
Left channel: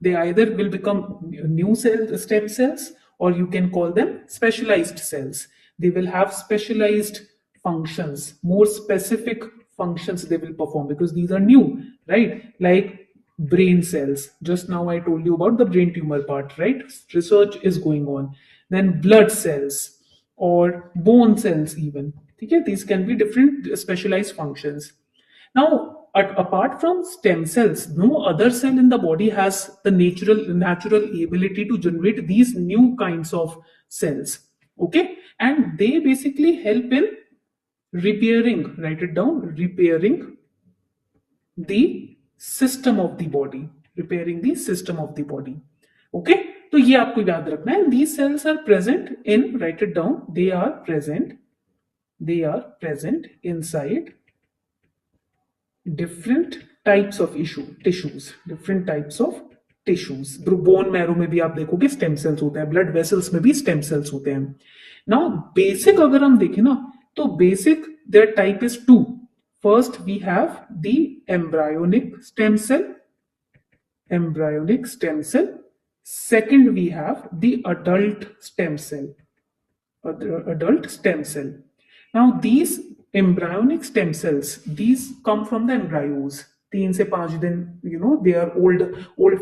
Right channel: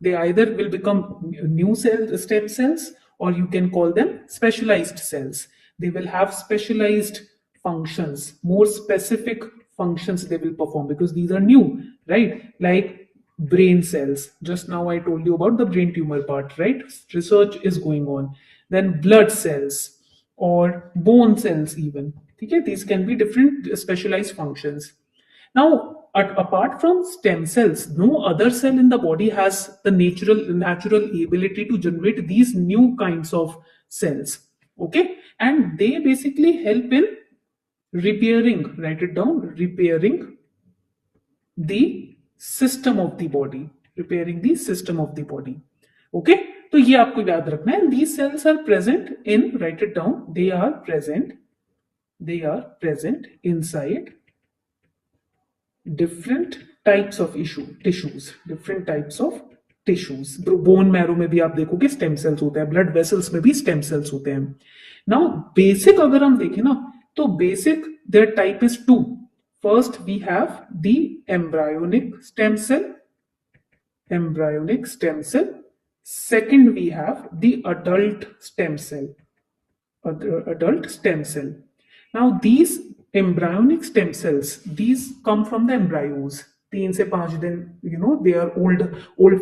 They either will become new stem cells, or you can call them specialized cells. They will have specialized functions, more specific functions they will perform because these are new, right? Like brain cells, just now I told you about the brain tumor part, right? Research is going on. Then blood cells or bone cells even, okay? These can be different specialized functions. Now apart from stem cells, no other cell in the body has the natural ability to generate these new kinds of cells, okay? And they basically help in repairing, write it down, repairing the system of the body, okay? तो ये आपको याद रखना है. These cells are present in, write it down, they are present inside different types of tissues. Bone marrow में भी आप देखोगे स्टेम सेल्स होते हैं, ब्लड वेसल्स में भी स्टेम सेल्स होते हैं. नाउ बेसिक अगर हम देखें ना, तो basic their type is two. First we have the embryonic stem cell. Second, we have the adult stem cell. Now these embryonic stem cells, these come from the embryos. 3 से 5 दिन, they are old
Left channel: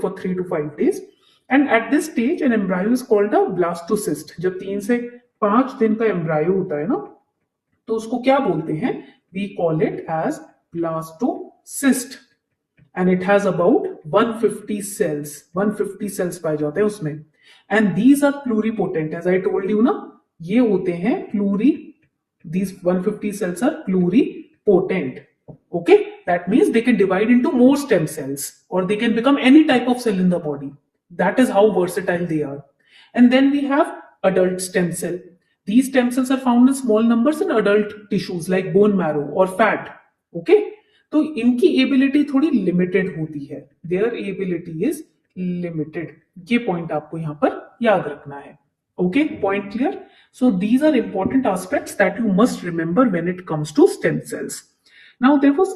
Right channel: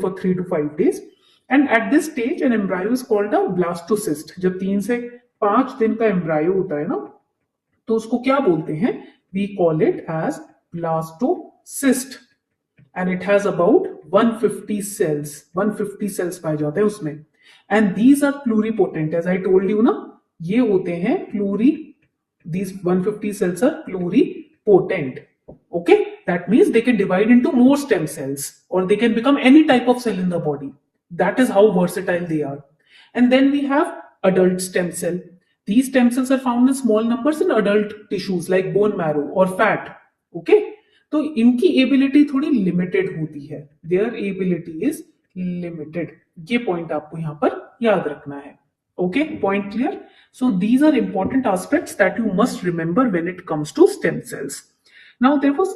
for 3 to 5 days. And at this stage, an embryo is called a blastocyst. जब 3 से 5 दिन का embryo होता है ना, तो उसको क्या बोलते हैं? We call it as blastocyst. And it has about 150 cells. 150 cells पाए जाते हैं उसमें. And these are pluripotent. As I told you ना, ये होते हैं these 150 cells are pluripotent. Okay? That means they can divide into more stem cells, or they can become any type of cell in the body. That is how versatile they are. And then we have adult stem cell. These stem cells are found in small numbers in adult tissues like bone marrow or fat. Okay? तो इनकी ability थोड़ी limited होती है. Their ability is limited. ये point आपको यहां पर याद रखना है. Okay, point clear? So these are important aspects that you must remember when it comes to stem cells. Now there was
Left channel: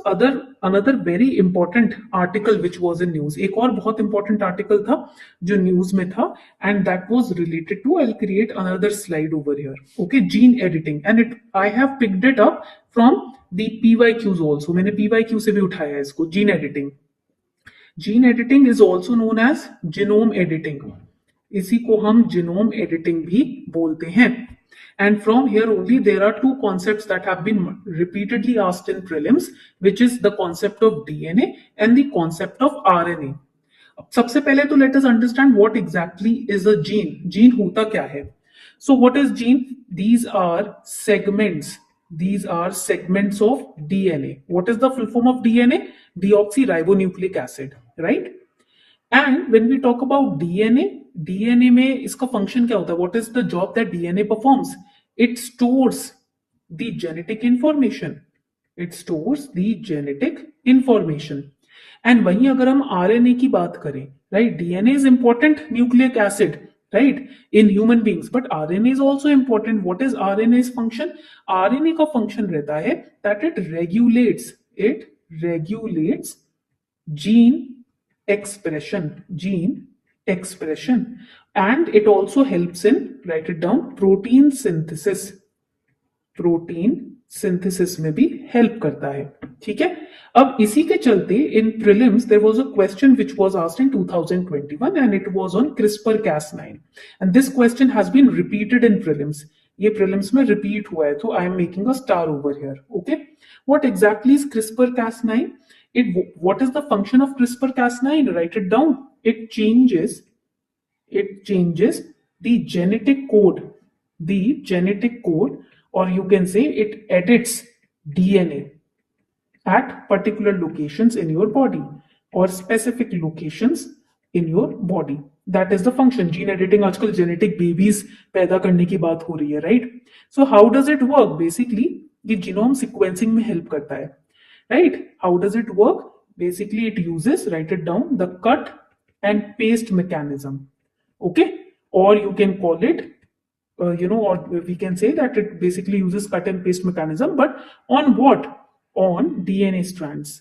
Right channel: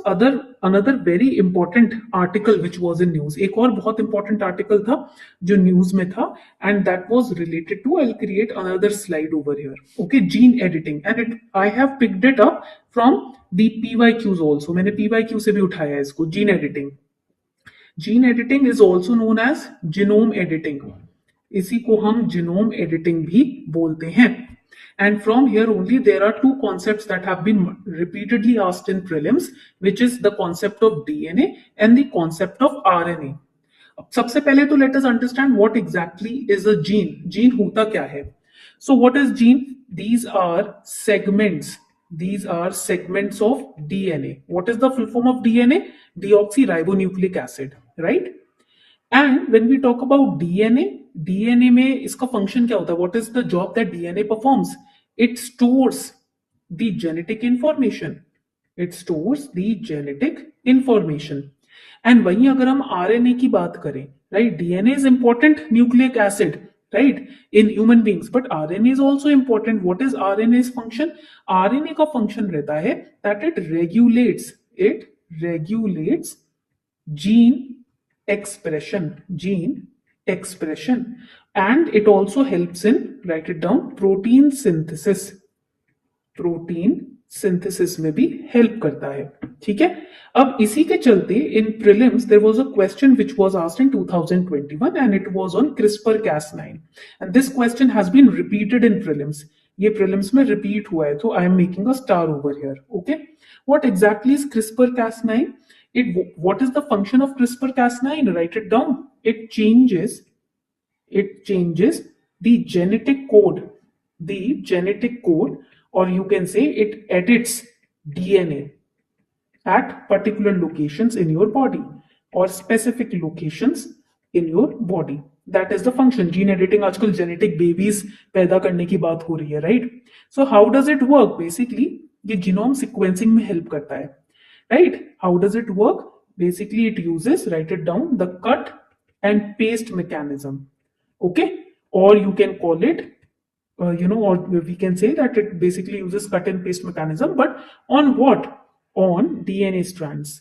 another very important article which was in news. एक और बहुत इंपॉर्टेंट आर्टिकल था जो news में था, and that was related to, I will create another slide over here. Okay, gene editing, and I have picked it up from the PYQs also. मैंने PYQ से भी उठाया है इसको. Gene editing is also known as genome editing. इसी को हम genome editing भी बोलते हैं. And from here only there are two concepts that have been repeatedly asked in prelims, which is the concept of DNA and the concept of RNA. सबसे पहले तो let us understand what exactly is a gene. Gene होता क्या है? So what is gene? These are segments of DNA. What is the full form of DNA? Deoxyribonucleic acid, right? And when we talk about DNA में इसका function क्या होता है? What is the job that DNA performs? It stores the genetic information. And वहीं अगर हम RNA की बात करें, right? DNA is important nucleic acid, right, in human beings, but RNA is also important. What is RNA's function? RNA का function रहता है that it regulates gene expression, and it also helps in, write it down, protein synthesis में भी help करता है. ठीक है. अब इसी के चलते in prelims there was a question which was asked in 2021 and it was on CRISPR-Cas9, and this question has been repeated in prelims. ये prelims में repeat हुआ है, तो I am making a star over here. Okay, what exactly is CRISPR-Cas9? What is the function of CRISPR-Cas9? Write it down. It changes the genetic code, or you can say it edits DNA at particular locations in your body or specific locations in your body. That is the function. Gene editing, आजकल genetic babies पैदा करने की बात हो रही है, right? So how does it work? Basically, ये genome sequencing में help करता है, right? How does it work? Basically, it uses, write it down, the cut and paste mechanism. Okay, or you can call it, or we can say that it basically uses cut and paste mechanism, but on what? On DNA strands.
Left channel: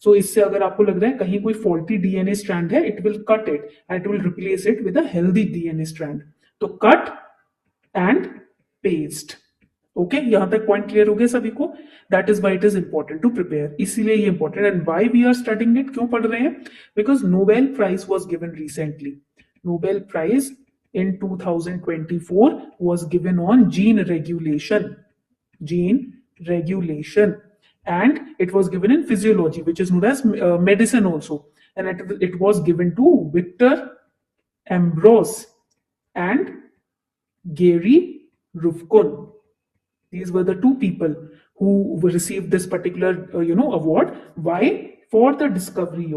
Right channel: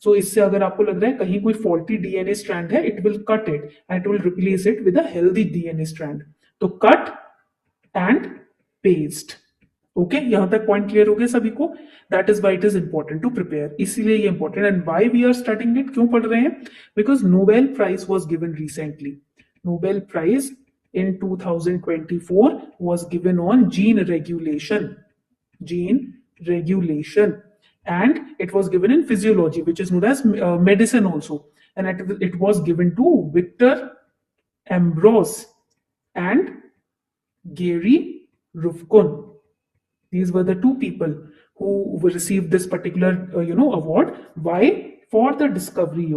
So इससे अगर आपको लग रहा है कहीं कोई faulty DNA strand है, it will cut it and it will replace it with a healthy DNA strand. तो cut and paste. Okay, यहाँ तक पॉइंट क्लियर हो गया सभी को? That is why it is important to prepare. इसीलिए ये important. And why we are studying it? क्यों पढ़ रहे हैं? Because Nobel Prize was given recently. Nobel Prize in 2024 was given on gene regulation, and it was given in physiology, which is known as medicine also. And it was given to Victor Ambrose and Gary Ruvkun. These were the two people who received this particular award. Why? For the discovery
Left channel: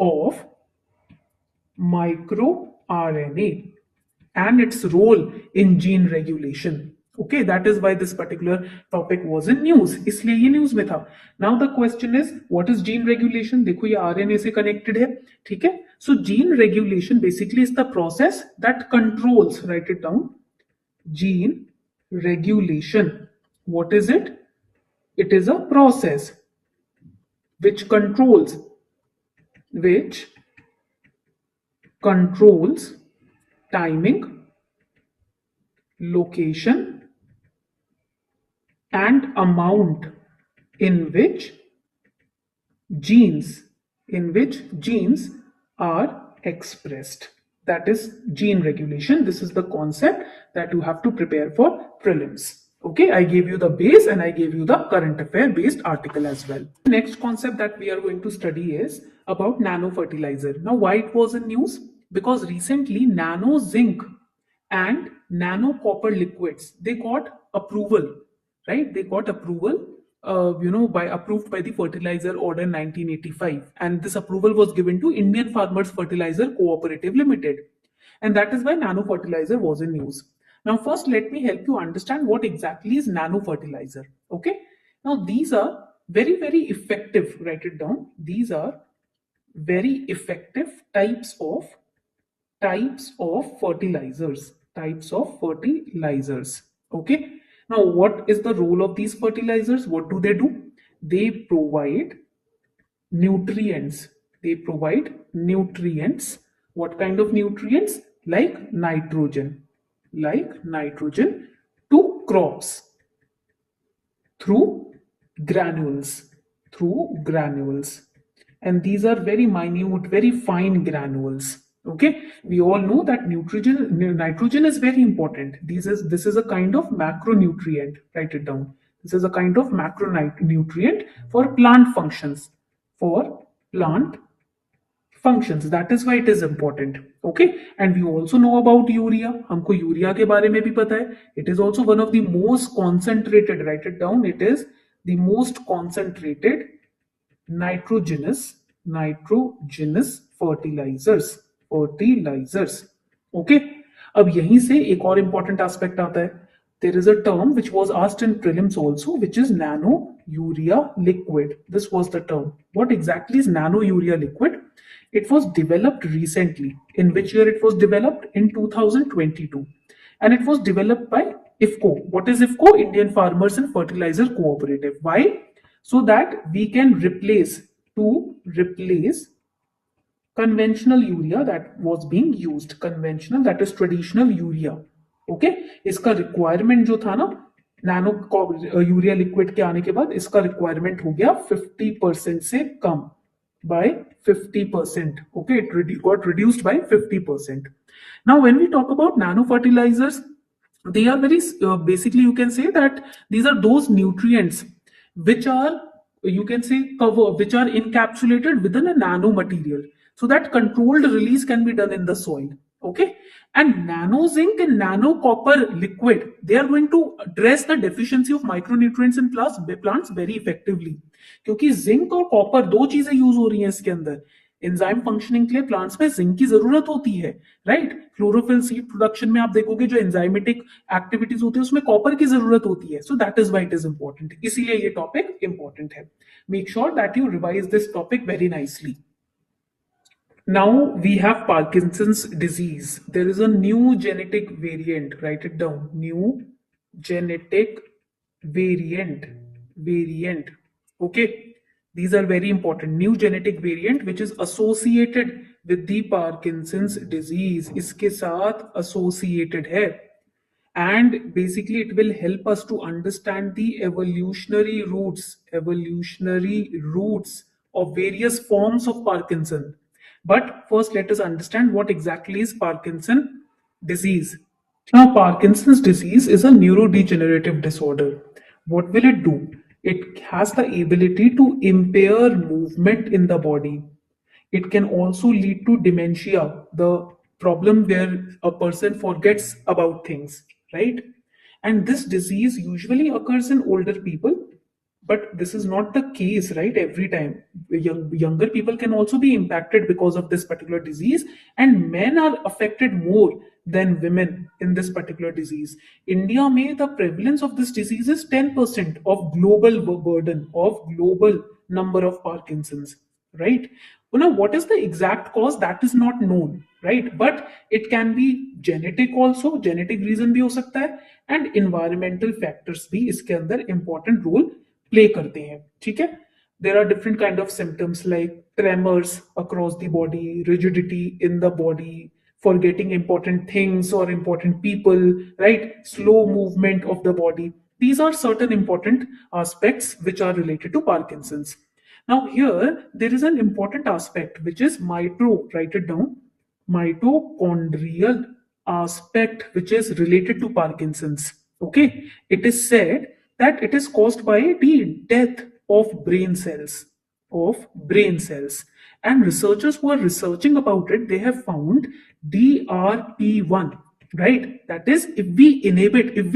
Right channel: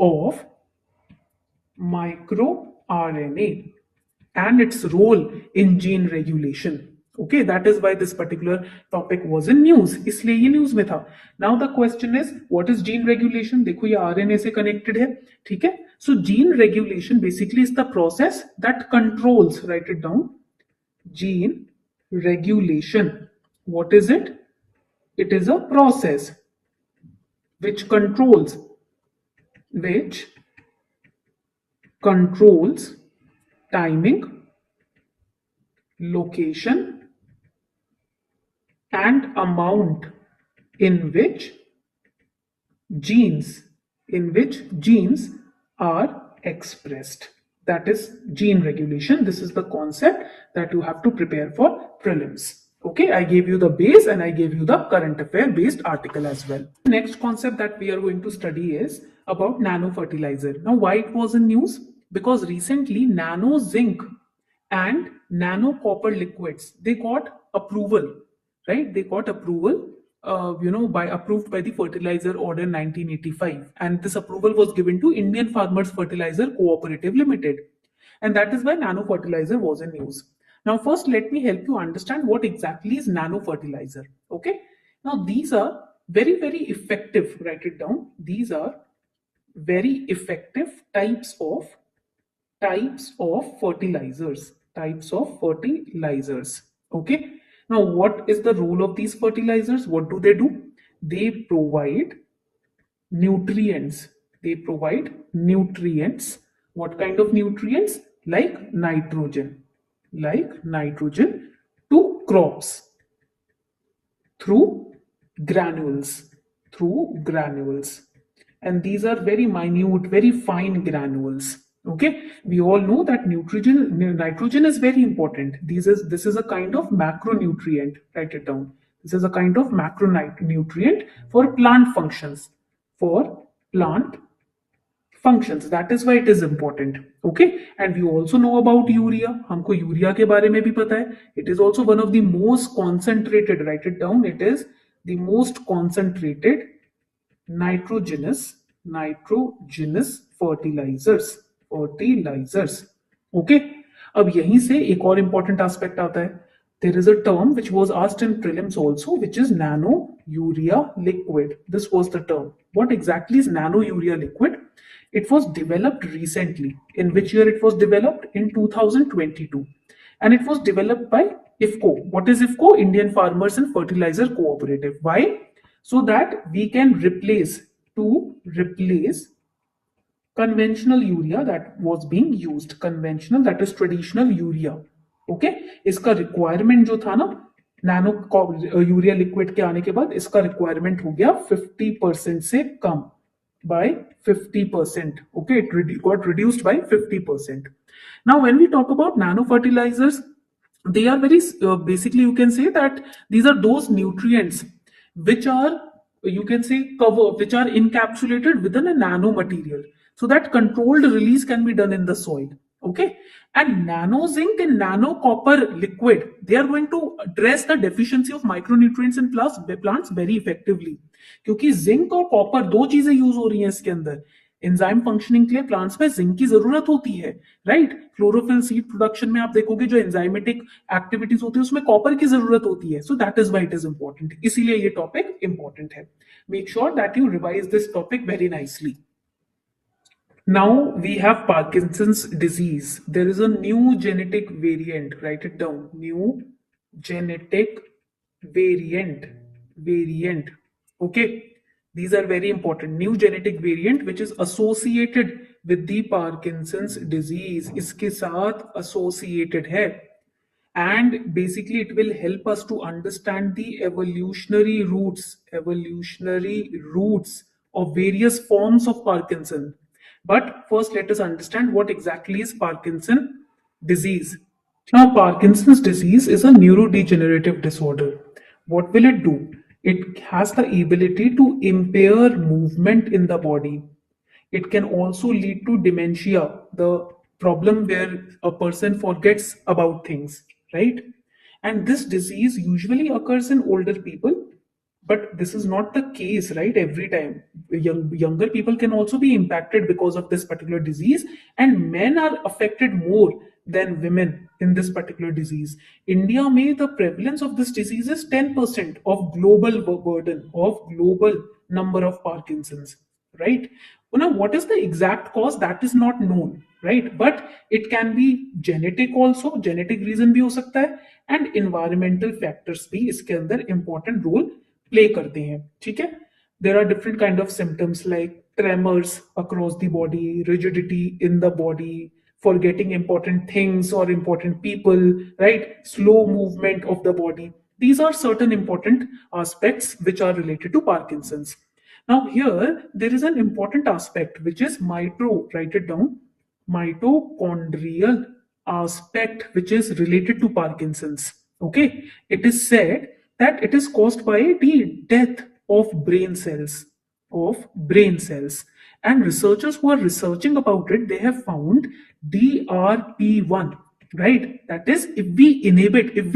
of microRNA and its role in gene regulation. Okay, that is why this particular topic was in news. इसलिए ये news में था. Now the question is, what is gene regulation? देखो ये RNA से connected है, ठीक है? So gene regulation basically is the process that controls. Write it down. Gene regulation. What is it? It is a process which controls timing, location, and amount in which genes are expressed. That is gene regulation. This is the concept that you have to prepare for prelims. Okay, I gave you the base and I gave you the current affair based article as well. The next concept that we are going to study is about nano fertilizer. Now, why it was in news? Because recently nano zinc and nano copper liquids, they got approval, right? They got approval, approved by the fertilizer order 1985, and this approval was given to Indian Farmers Fertilizer Cooperative Limited, and that is why nano fertilizer was in use. Now first let me help you understand what exactly is nano fertilizer. Okay, now these are very effective, write it down, these are very effective types of fertilizers. Okay, now what is the role of these fertilizers? What do? They provide nutrients. What kind of nutrients? Like nitrogen to crops through granules. And these are very minute, very fine granules. Okay, we all know that nitrogen is very important. This is a kind of macronutrient. Write it down. This is a kind of macronutrient for plant functions. That is why it is important. Okay, and we also know about urea. हमको urea के बारे में भी पता है. It is also one of the most concentrated. Write it down. It is the most concentrated nitrogenous fertilizers. Okay, अब यहीं से एक और important aspect आता है. There is a term which was asked in prelims also, which is nano urea liquid. This was the term. What exactly is nano urea liquid? It was developed recently. In which year it was developed? In 2022, and it was developed by IFCO. What is IFCO? Indian Farmers and Fertilizer Cooperative. Why? So that we can replace conventional urea that was being used. Conventional, that is traditional urea. Okay, इसका requirement जो था ना nano urea liquid के आने के बाद, इसका requirement हो गया 50% से कम, by 50%. Okay, it got reduced by 50%. Now when we talk about nano fertilizers, they are very basically, you can say that these are those nutrients which are, you can say, which are encapsulated within a nano material, so that controlled release can be done in the soil. Okay, and nano zinc and nano copper liquid, they are going to address the deficiency of micronutrients in plants very effectively. क्योंकि zinc और copper दो चीजें use हो रही हैं इसके अंदर. Enzyme functioning के लिए प्लांट्स में जिंक की जरूरत होती है, राइट? क्लोरोफिल सीड प्रोडक्शन में आप देखोगे जो एंजाइमेटिक एक्टिविटीज होती है उसमें कॉपर की जरूरत होती है. So that is why it is important. इसीलिए ये टॉपिक इंपॉर्टेंट है. Make sure that you revise this topic very nicely. Now we have Parkinson's disease. There is a new genetic variant. Write it down. New genetic variant. Okay. These are very important. New genetic variant which is associated with the Parkinson's disease. इसके साथ associated है. And basically it will help us to understand the evolutionary roots of various forms of Parkinson. But first let us understand what exactly is Parkinson disease. Now Parkinson's disease is a neurodegenerative disorder. What will it do? It has the ability to impair movement in the body. It can also lead to dementia, the problem where a person forgets about things, right? And this disease usually occurs in older people, but this is not the case, right? Every time younger people can also be impacted because of this particular disease, and men are affected more than women in this particular disease. India में the prevalence of this disease is 10% of global burden of global number of Parkinson's, right? Now, what is the exact cause that is not known, right? But it can be genetic also, genetic reason भी हो सकता है, and environmental factors भी इसके अंदर important role play करते हैं, ठीक है? There are different kind of symptoms like tremors across the body, rigidity in the body, forgetting important things or important people, right? Slow movement of the body. These are certain important aspects which are related to Parkinson's. Now, here there is an important aspect which is write it down, mitochondrial aspect which is related to Parkinson's. Okay, it is said that it is caused by the death of brain cells, and researchers who are researching about it, they have found DRP1, right? That is, if we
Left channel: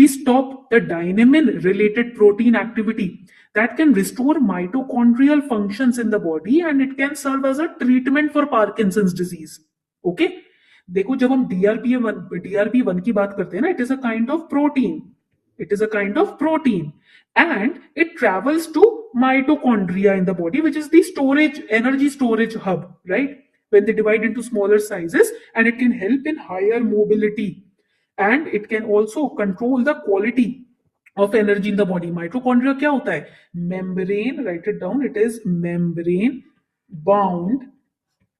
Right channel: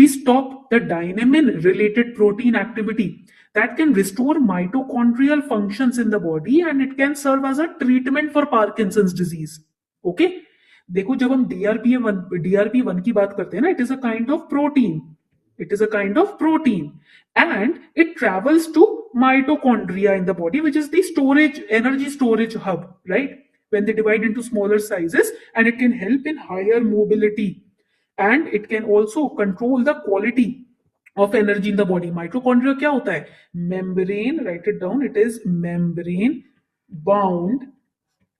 stop the dynamin related protein activity, that can restore mitochondrial functions in the body and it can serve as a treatment for Parkinson's disease. Okay, देखो जब हम DRP1 की बात करते हैं ना, it is a kind of protein and it travels to mitochondria in the body, which is the energy storage hub, right? When they divide into smaller sizes, and it can help in higher mobility, and it can also control the quality of energy in the body. Mitochondria क्या होता है? Membrane, write it down, it is membrane bound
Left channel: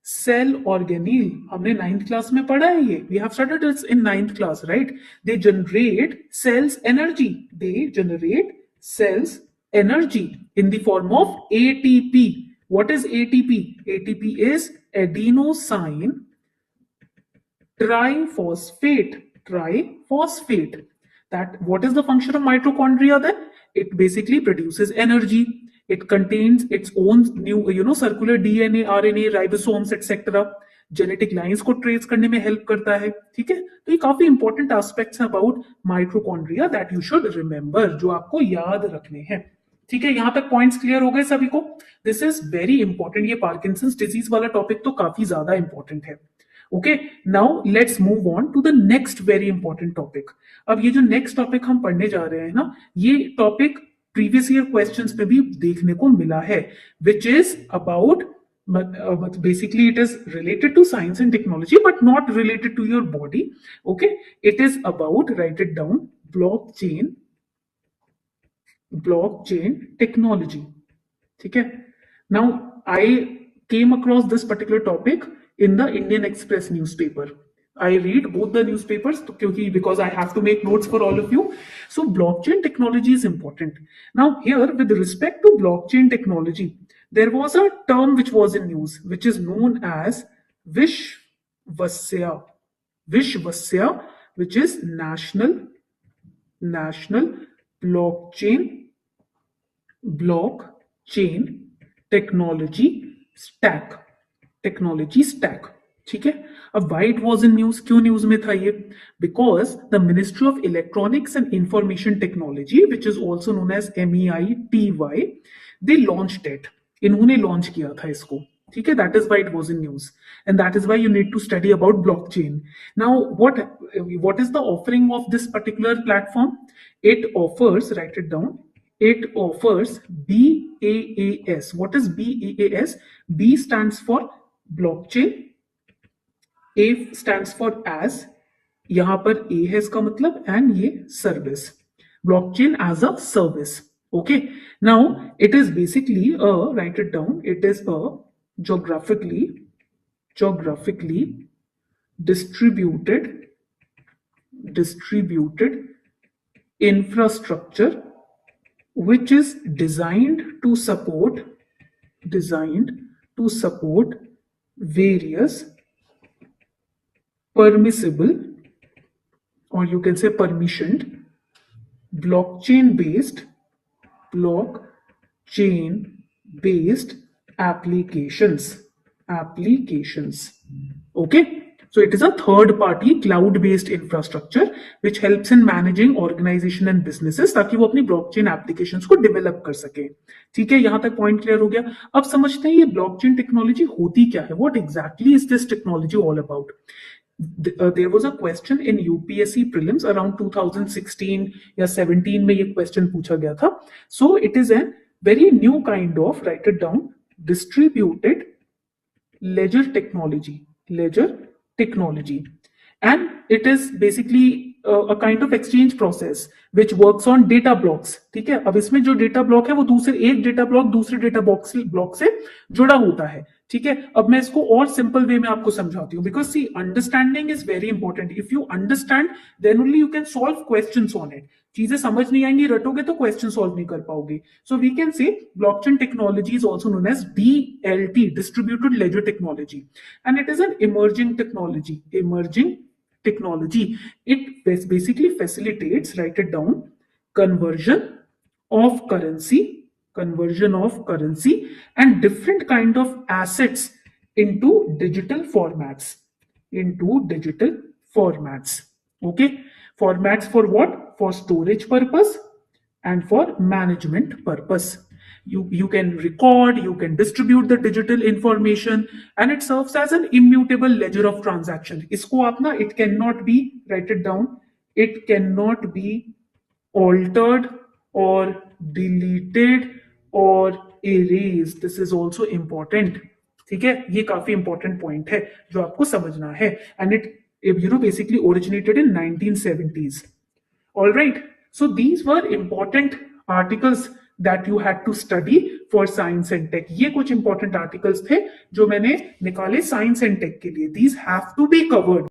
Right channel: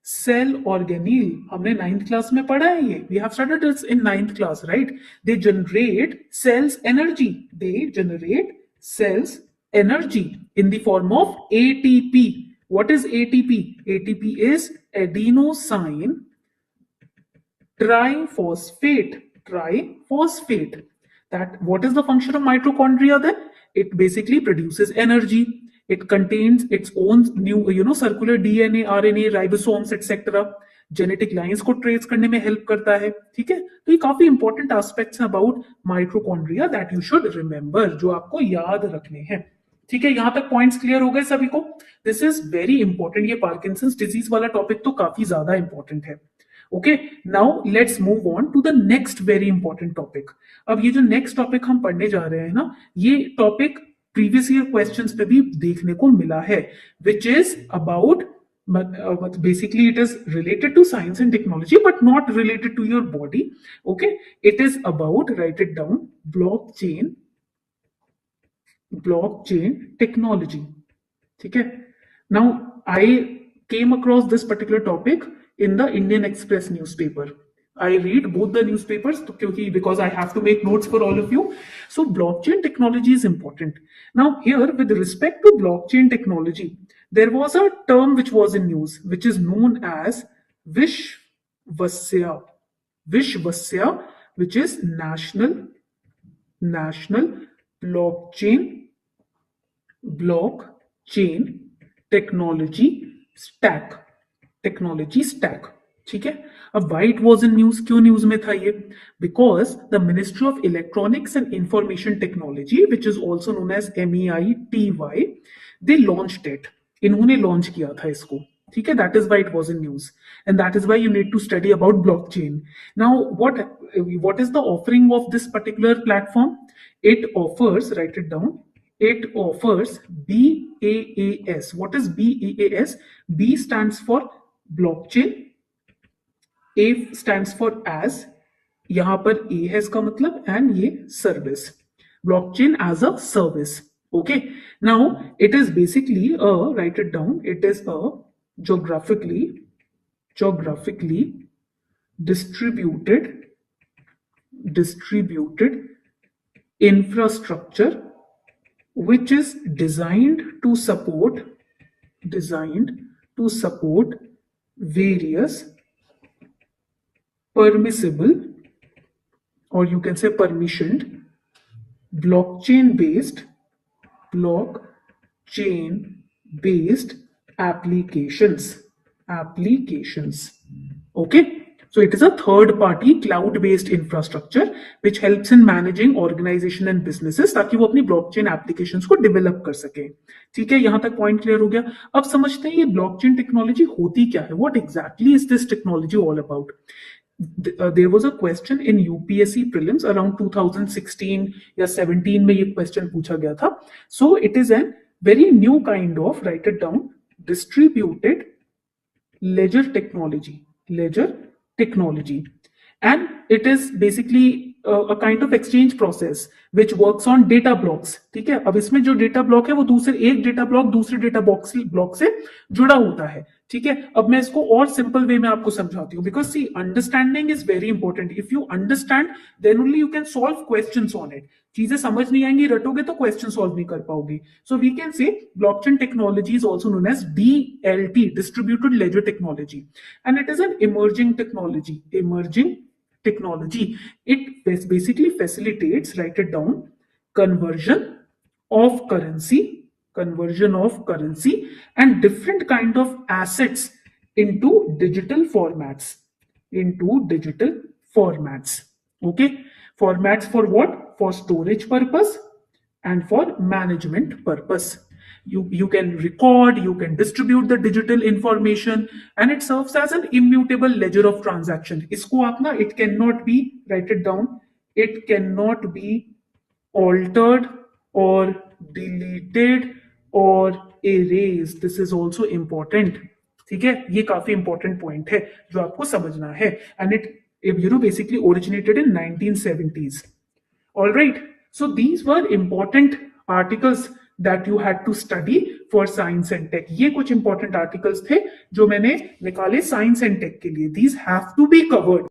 cell organelle. हमने 9th class में पढ़ा है ये. We have studied this in 9th class, right? They generate cells energy in the form of ATP. What is ATP? ATP is adenosine triphosphate. That what is the function of mitochondria then? It basically produces energy. It contains its own new circular DNA, RNA, ribosomes, etc. Genetic lines को trace करने में help करता है, ठीक है? तो ये काफी इंपॉर्टेंट एस्पेक्ट्स हैं about mitochondria that you should remember, जो आपको याद रखने हैं, ठीक है? यहां तक पॉइंट्स क्लियर हो गए सभी को? This is very important. ये पार्किंसंस डिजीज वाला टॉपिक तो काफी ज्यादा इंपॉर्टेंट है. Okay, now let's move on to the next very important topic. अब ये जो नेक्स्ट टॉपिक हम पढ़ने जा रहे हैं ना, ये टॉपिक प्रीवियस ईयर क्वेश्चंस पे भी देखने को मिला है, which is about but basically it is related to science and technology but not related to your body. Okay, it is about, write it down, blockchain technology. ठीक है? Now I came across this particular topic in the Indian Express newspaper. I read both the newspapers because I have to make notes for all of you. So blockchain technology is important. Now here, with respect to blockchain technology, there was a term which was in news, which is known as Vishwasya, which is national blockchain technology stack. ठीक है? अब why it was in news? क्यों news में था ये? Because the Ministry of Electronics and Information Technology, which is also known as MEITY, they launched it. इन्होंने launch किया था इसको, ठीक है? That is why it was in news, and that is why you need to study about blockchain. Now, what is the offering of this particular platform? It offers, write it down, it offers BaaS. What is BaaS? B stands for blockchain, A stands for as, यहां पर A है इसका मतलब, and ये service, blockchain as a service. Okay, now it is basically write it down, it is a geographically distributed infrastructure which is designed to support various permissible, or you can say permissioned, blockchain based applications. Okay, so it is a third party cloud based infrastructure which helps in managing organization and businesses, ताकि वो अपनी blockchain applications को develop कर सके. ठीक है? यहां तक पॉइंट क्लियर हो गया? अब समझते हैं ये blockchain technology होती क्या है. What exactly is this technology all about? there was a question in UPSC prelims around 2016 या 17 में ये question पूछा गया था. So it is a very new kind of, write it down, distributed ledger technology, and it is basically a kind of exchange process which works on data blocks. ठीक है, अब इसमें जो डेटा ब्लॉक है वो एक डेटा ब्लॉक दूसरे data block से जुड़ा होता है. ठीक है, अब मैं इसको और सिंपल वे में आपको समझाती हूँ, because see understanding is very important. If you understand then only you can solve questions on it. चीजें समझ नहीं आएंगी, रटोगे तो क्वेश्चन सॉल्व नहीं कर पाओगे. So we can say blockchain technology is also known as DLT, distributed ledger technology, and it is an emerging technology. It basically facilitates, write it down, conversion of currency and different kind of assets into digital formats. Okay, formats for what? For storage purpose and for management purpose. You can record, you can distribute the digital information, and it serves as an immutable ledger of transaction. Isko aap na, it cannot be, write it down, it cannot be altered or deleted or erased. This is also important. ठीक है, ये काफी important point है जो आपको समझना है. And it basically originated in 1970s. All right, so these were important articles that you had to study for science and tech. ये कुछ important articles थे जो मैंने निकाले science and tech के लिए. These have to be covered.